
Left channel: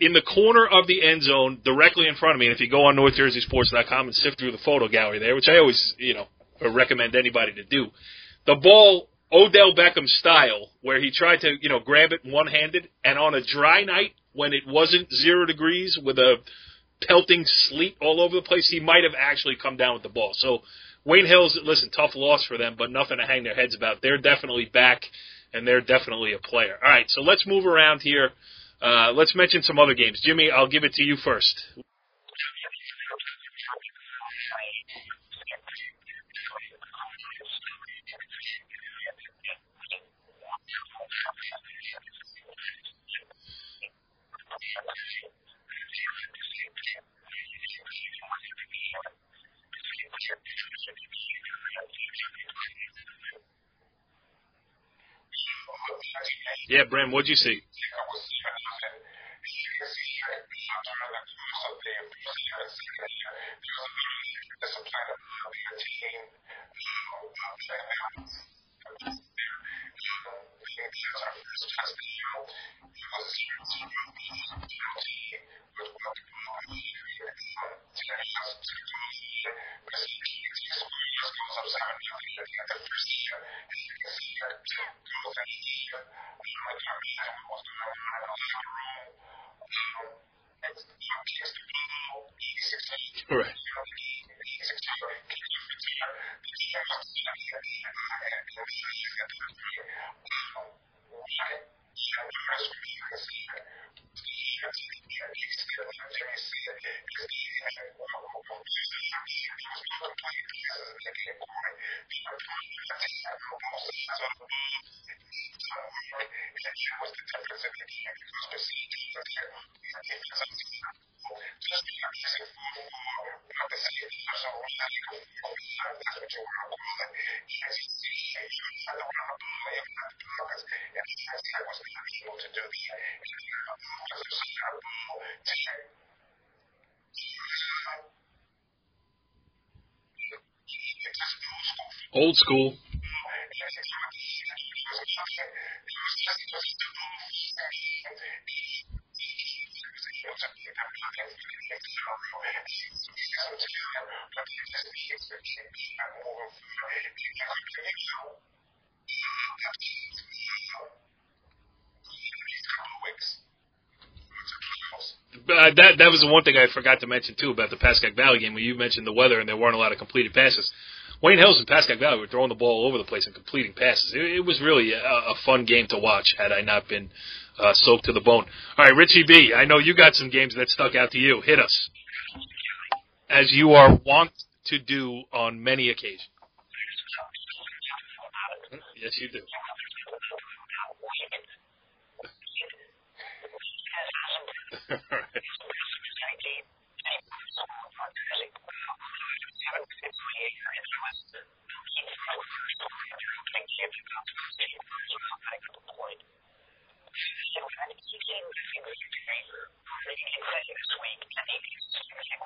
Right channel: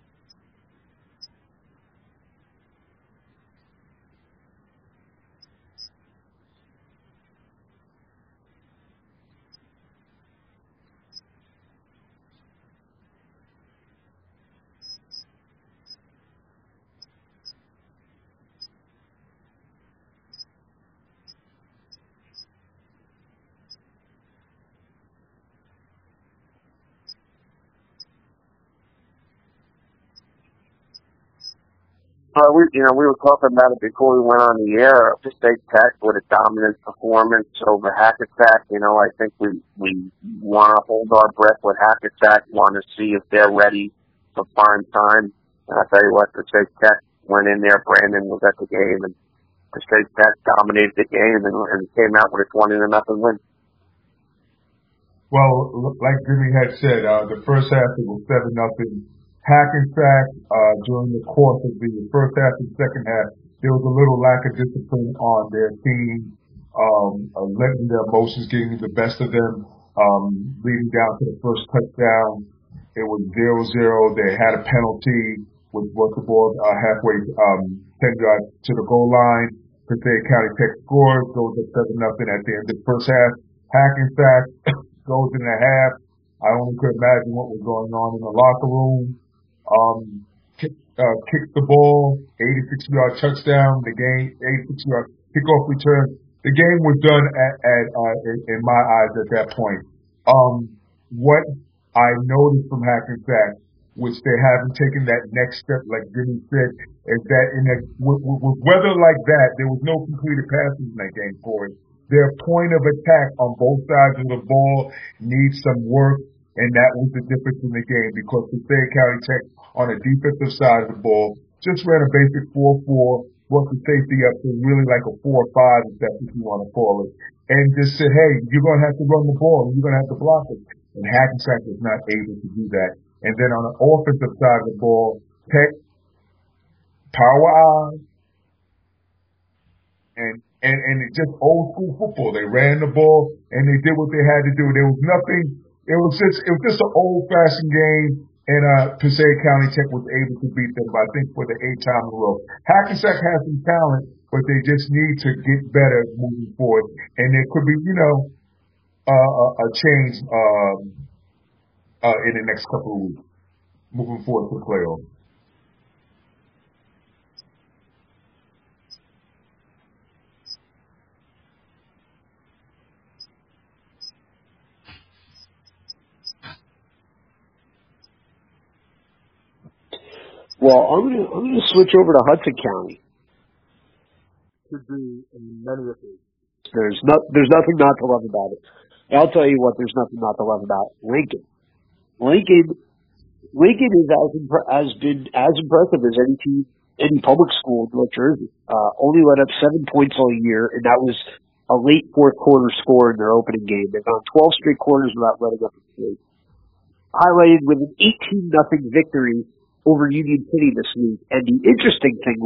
in the corner of the end zone, directly in front of me, and if you go on NorthJerseySports.com and sift through the photo gallery there, which I always, recommend anybody to do, the ball, Odell Beckham style, where he tried to, grab it one-handed, and on a dry night when it wasn't 0 degrees with a pelting sleet all over the place, he might have actually come down with the ball. So Wayne Hills, listen, tough loss for them, but nothing to hang their heads about. They're definitely back, and they're definitely a player. All right, so let's move around here. Let's mention some other games. Jimmy, I'll give it to you first. We were talking about it before we went on the air. Passaic Tech with a dominant performance over Hackensack. I think we want to hold our breath with Hackensack, want to see if they're ready for prime time. And I'll tell you what, Passaic Tech went in there. Brandon was at the game, and Passaic Tech dominated the game and came out with a 20-0 win. Well, like Jimmy had said, the first half it was 7-0. Hackensack, during the course of the first half and second half, there was a little lack of discipline on their team, letting their emotions getting the best of them, leading down to the first touchdown. It was 0-0. They had a penalty, which brought the ball halfway, 10 yards to the goal line. Passaic County Tech scores, goes up 7-0 at the end of the first half. Hackensack goes in a half. I only could imagine what was going on in the locker room. Kicks the ball, 86-yard touchdown. The game, 86-yard kickoff return. The game was done in my eyes at that point. What I noticed from Hackensack, which they haven't taken that next step, like Jimmy said, is that with weather like that, there was no completed passes in that game, Corey. Their point of attack on both sides of the ball needs some work, and that was the difference in the game because Passaic County Tech on the defensive side of the ball just ran a basic 4-4, brought the safety up, so really like a 4-5 if that's what you want to call it, and just said, hey, you're going to have to run the ball and you're going to have to block us. And Hackensack was not able to do that. And then on the offensive side of the ball, Tech, power eye, and it just old school football. They ran the ball and they did what they had to do. There was nothing. It was just an old fashioned game, and Passaic County Tech was able to beat them, I think, for the 8th time in a row. Hackensack has some talent, but they just need to get better moving forward. And there could be, a change in the next couple of weeks moving forward to the playoffs. That was the one thing I forgot to mention, too, about the Pascack Valley game, where you mentioned the weather and there weren't a lot of completed passes. Wayne Hills and Pascack Valley were throwing the ball all over the place and completing passes. It was really a fun game to watch had I not been soaked to the bone. All right, Richie B., I know you got some games that stuck out to you. Hit us. Switch over to Hudson County. As you are wont to do on many occasions. There's nothing not to love about it. Yes. I'll tell you what, there's nothing not to love about Lincoln. Lincoln is been as impressive as any team, any public school in North Jersey. Only let up 7 points all year, and that was a late fourth quarter score in their opening game. They've gone 12 straight quarters without letting up a point. Highlighted with an 18-0 victory over Union City this week. And the interesting thing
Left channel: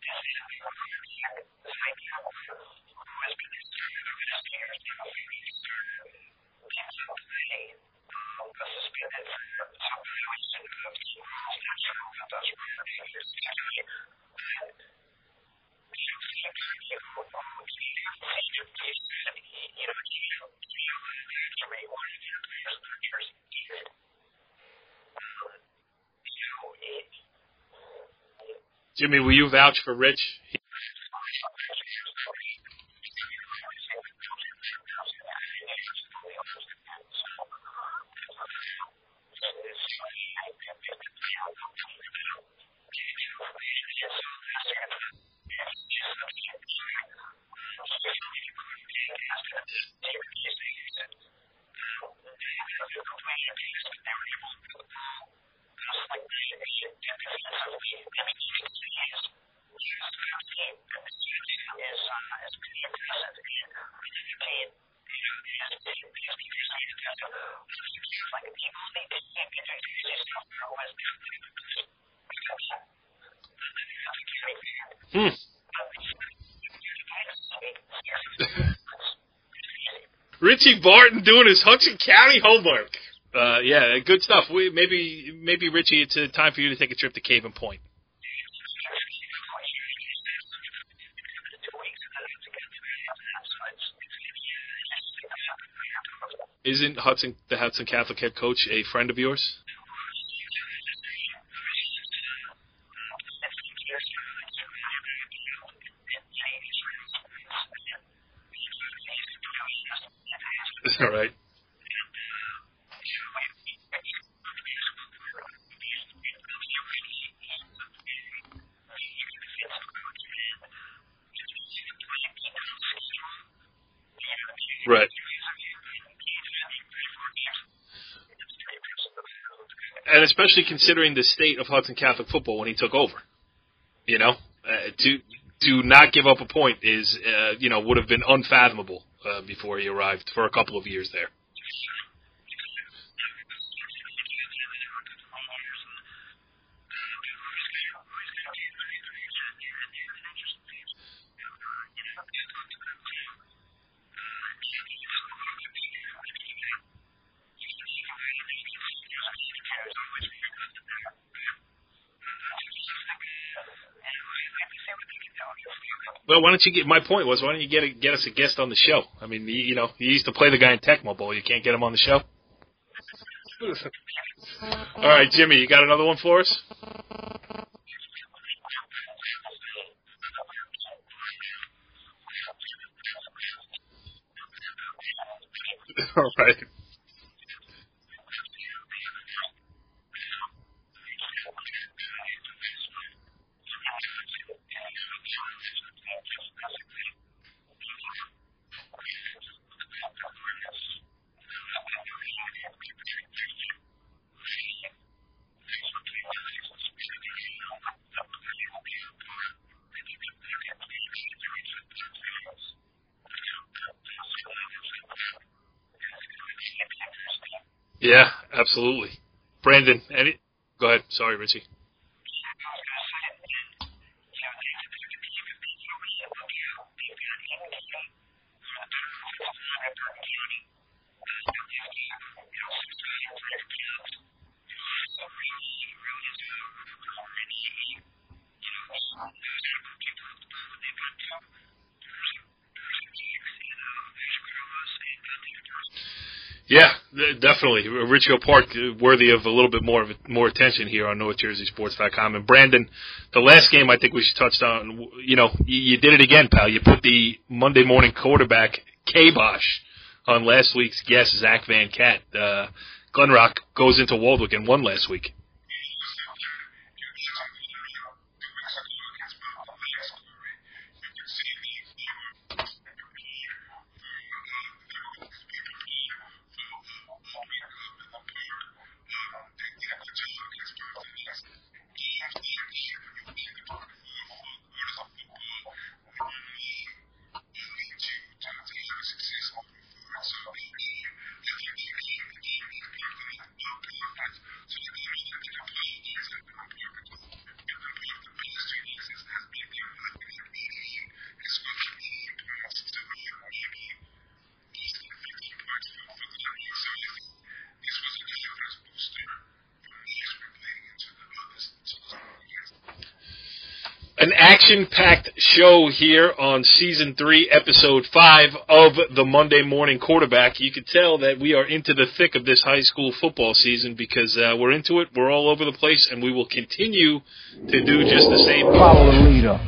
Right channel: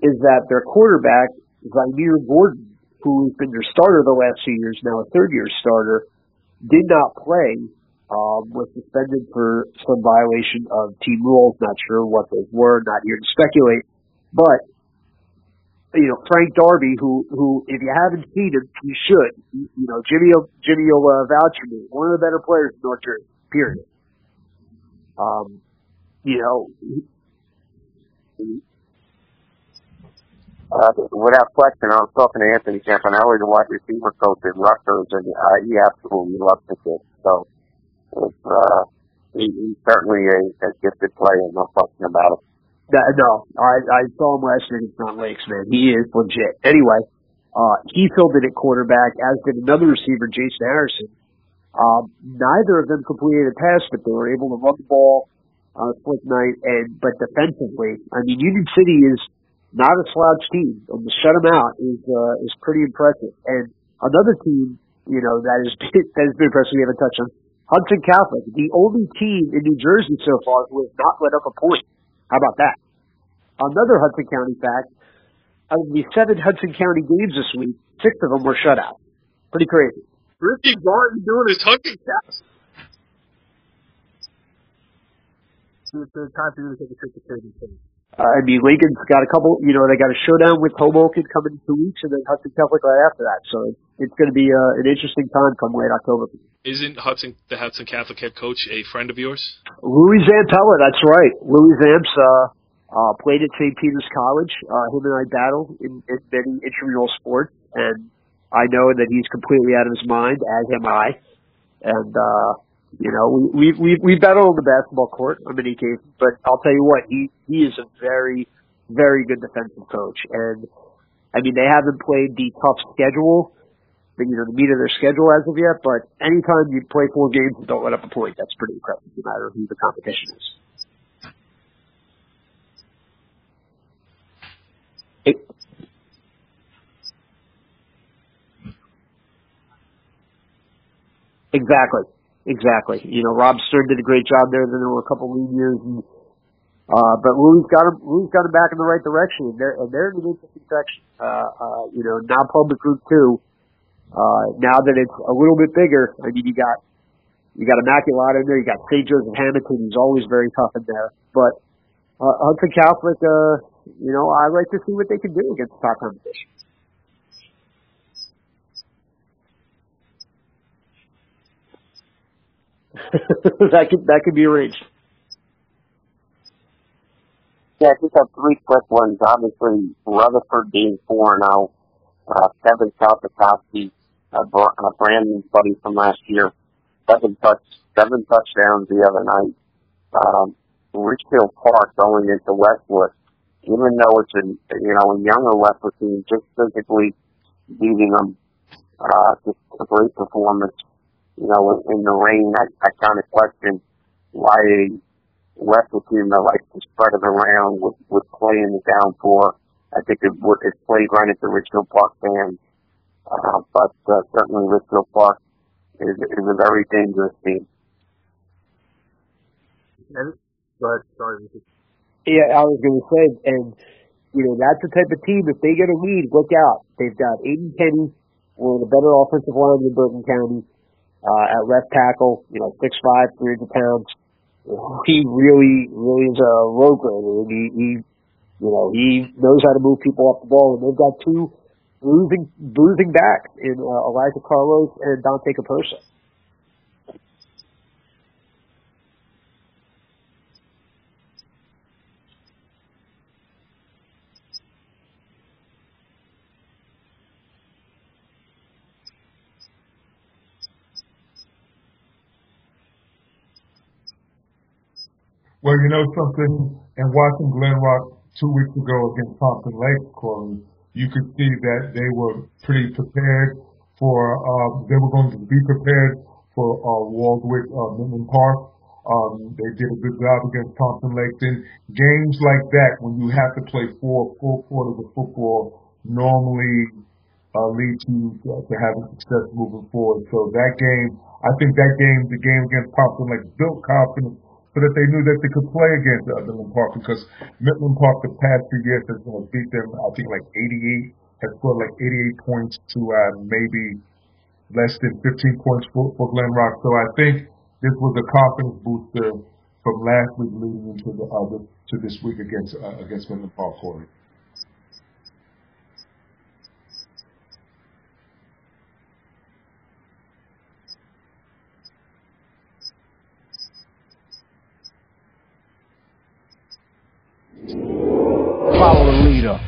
is that their quarterback, Zymir Gordon, who has been their starter the last 2 years, now a third-year starter, did not play. Was suspended for some violation of team rules. Not sure what those were. Not here to speculate. But, Frank Darby, who if you haven't seen him, you should. Jimmy will vouch for me. One of the better players in North Jersey, period. Jimmy, will you vouch for Rich? Without question. I was talking to Anthony Campanelli, the wide receiver coach at Rutgers, and he absolutely loves the kid. So, he's certainly a gifted player, no question about it. No, I saw him last year against Mountain Lakes, man. He is legit. Anyway, he filled in at quarterback, as did another receiver, Jason Harrison. Neither of them completed a pass, but they were able to run the ball on a slick night. But defensively, Union City is not a slouch team, and to shut them out is pretty impressive. And another team, that has been impressive we haven't touched on, Hudson Catholic, the only team in New Jersey so far who has not let up a point. How about that? Another Hudson County fact, out of the 7 Hudson County games this week, 6 of them were shutouts. Pretty crazy. Richie Barton doing his Hudson County homework. Yeah, good stuff. Maybe Richie, it's time for you to take a trip to Cave and Point. Lincoln's got a couple, they got a showdown with Hoboken coming in 2 weeks, and then Hudson Catholic right after that. So it's going to be an interesting time come late October for them. Isn't the Hudson Catholic head coach a friend of yours? Louis Zampella, that's right. Louis Zamps played at St. Peter's College. Him and I battled in many intramural sports, and I know that he's completely out of his mind, as am I. Right. And we've battled on the basketball court on many occasions, but I'll tell you what, he is a very, very good defensive coach. And they haven't played the tough schedule, the meat of their schedule as of yet, but anytime you play 4 games and don't let up a point, that's pretty impressive, no matter who the competition is. And especially considering the state of Hudson Catholic football when he took over. To not give up a point is, would have been unfathomable before he arrived for a couple of years there. Exactly. Rob Stern did a great job there. Then there were a couple of lean years, and but Rui's got him back in the right direction, and they're in an interesting section. Now public Group 2. Now that it's a little bit bigger, I mean, you got Immaculata in there, you got St. Joseph Hamilton, who's always very tough in there, but Hudson Catholic, I like to see what they can do against top competition. Well, why don't you get us a guest on the show? I mean, you used to play the guy in Tecmo Bowl. You can't get him on the show? that could be arranged. All right, Jimmy, you got another one for us? Yeah, I just have three quick ones. Obviously, Rutherford being 4-0, Kevin Kalsikowski, Brandon's buddy from last year, seven touchdowns the other night. Richfield Park going into Westwood, even though it's a younger Westwood team, just physically beating them, just a great performance. In the rain, I kind of question why a Westwood team that likes to spread it around would play in the downpour. I think it played right into Richfield Park's hands. But certainly Richfield Park is a very dangerous team. Yeah, absolutely. Brandon, go ahead. Sorry, Richie. Yeah, I was going to say, and, that's the type of team, if they get a lead, look out. They've got Aiden Kenny, one of the better offensive linemen in Bergen County, at left tackle, 6'5", 300 pounds. He really, really is a road grader, and he knows how to move people off the ball, and they've got two bruising backs in Elijah Carlos and Dante Capersa. Yeah, definitely. Richfield Park worthy of a little bit more attention here on NorthJerseySports.com. And Brandon, the last game I think we should touch on, you did it again, pal. You put the Monday morning quarterback kibosh on last week's guest, Zach Van Cat. Glen Rock goes into Waldwick and won last week. Well, you know something, and watching Glen Rock 2 weeks ago against Pompton Lakes, Corey, you could see that they were pretty prepared for, they were going to be prepared for Waldwick, Midland Park. They did a good job against Pompton Lakes. In games like that, when you have to play 4 full quarters of football, normally leads you to having success moving forward. So that game, I think the game against Pompton Lakes built confidence so that they knew that they could play against Midland Park, because Midland Park the past 2 years has beat them, I think, like 88, has scored like 88 points to maybe less than 15 points for Glen Rock. So I think this was a confidence booster from last week leading into this week against Midland Park. An action-packed show here on Season 3, Episode 5 of the Monday Morning Quarterback. You can tell that we are into the thick of this high school football season because we're into it, we're all over the place, and we will continue to do just the same. Follow the leader.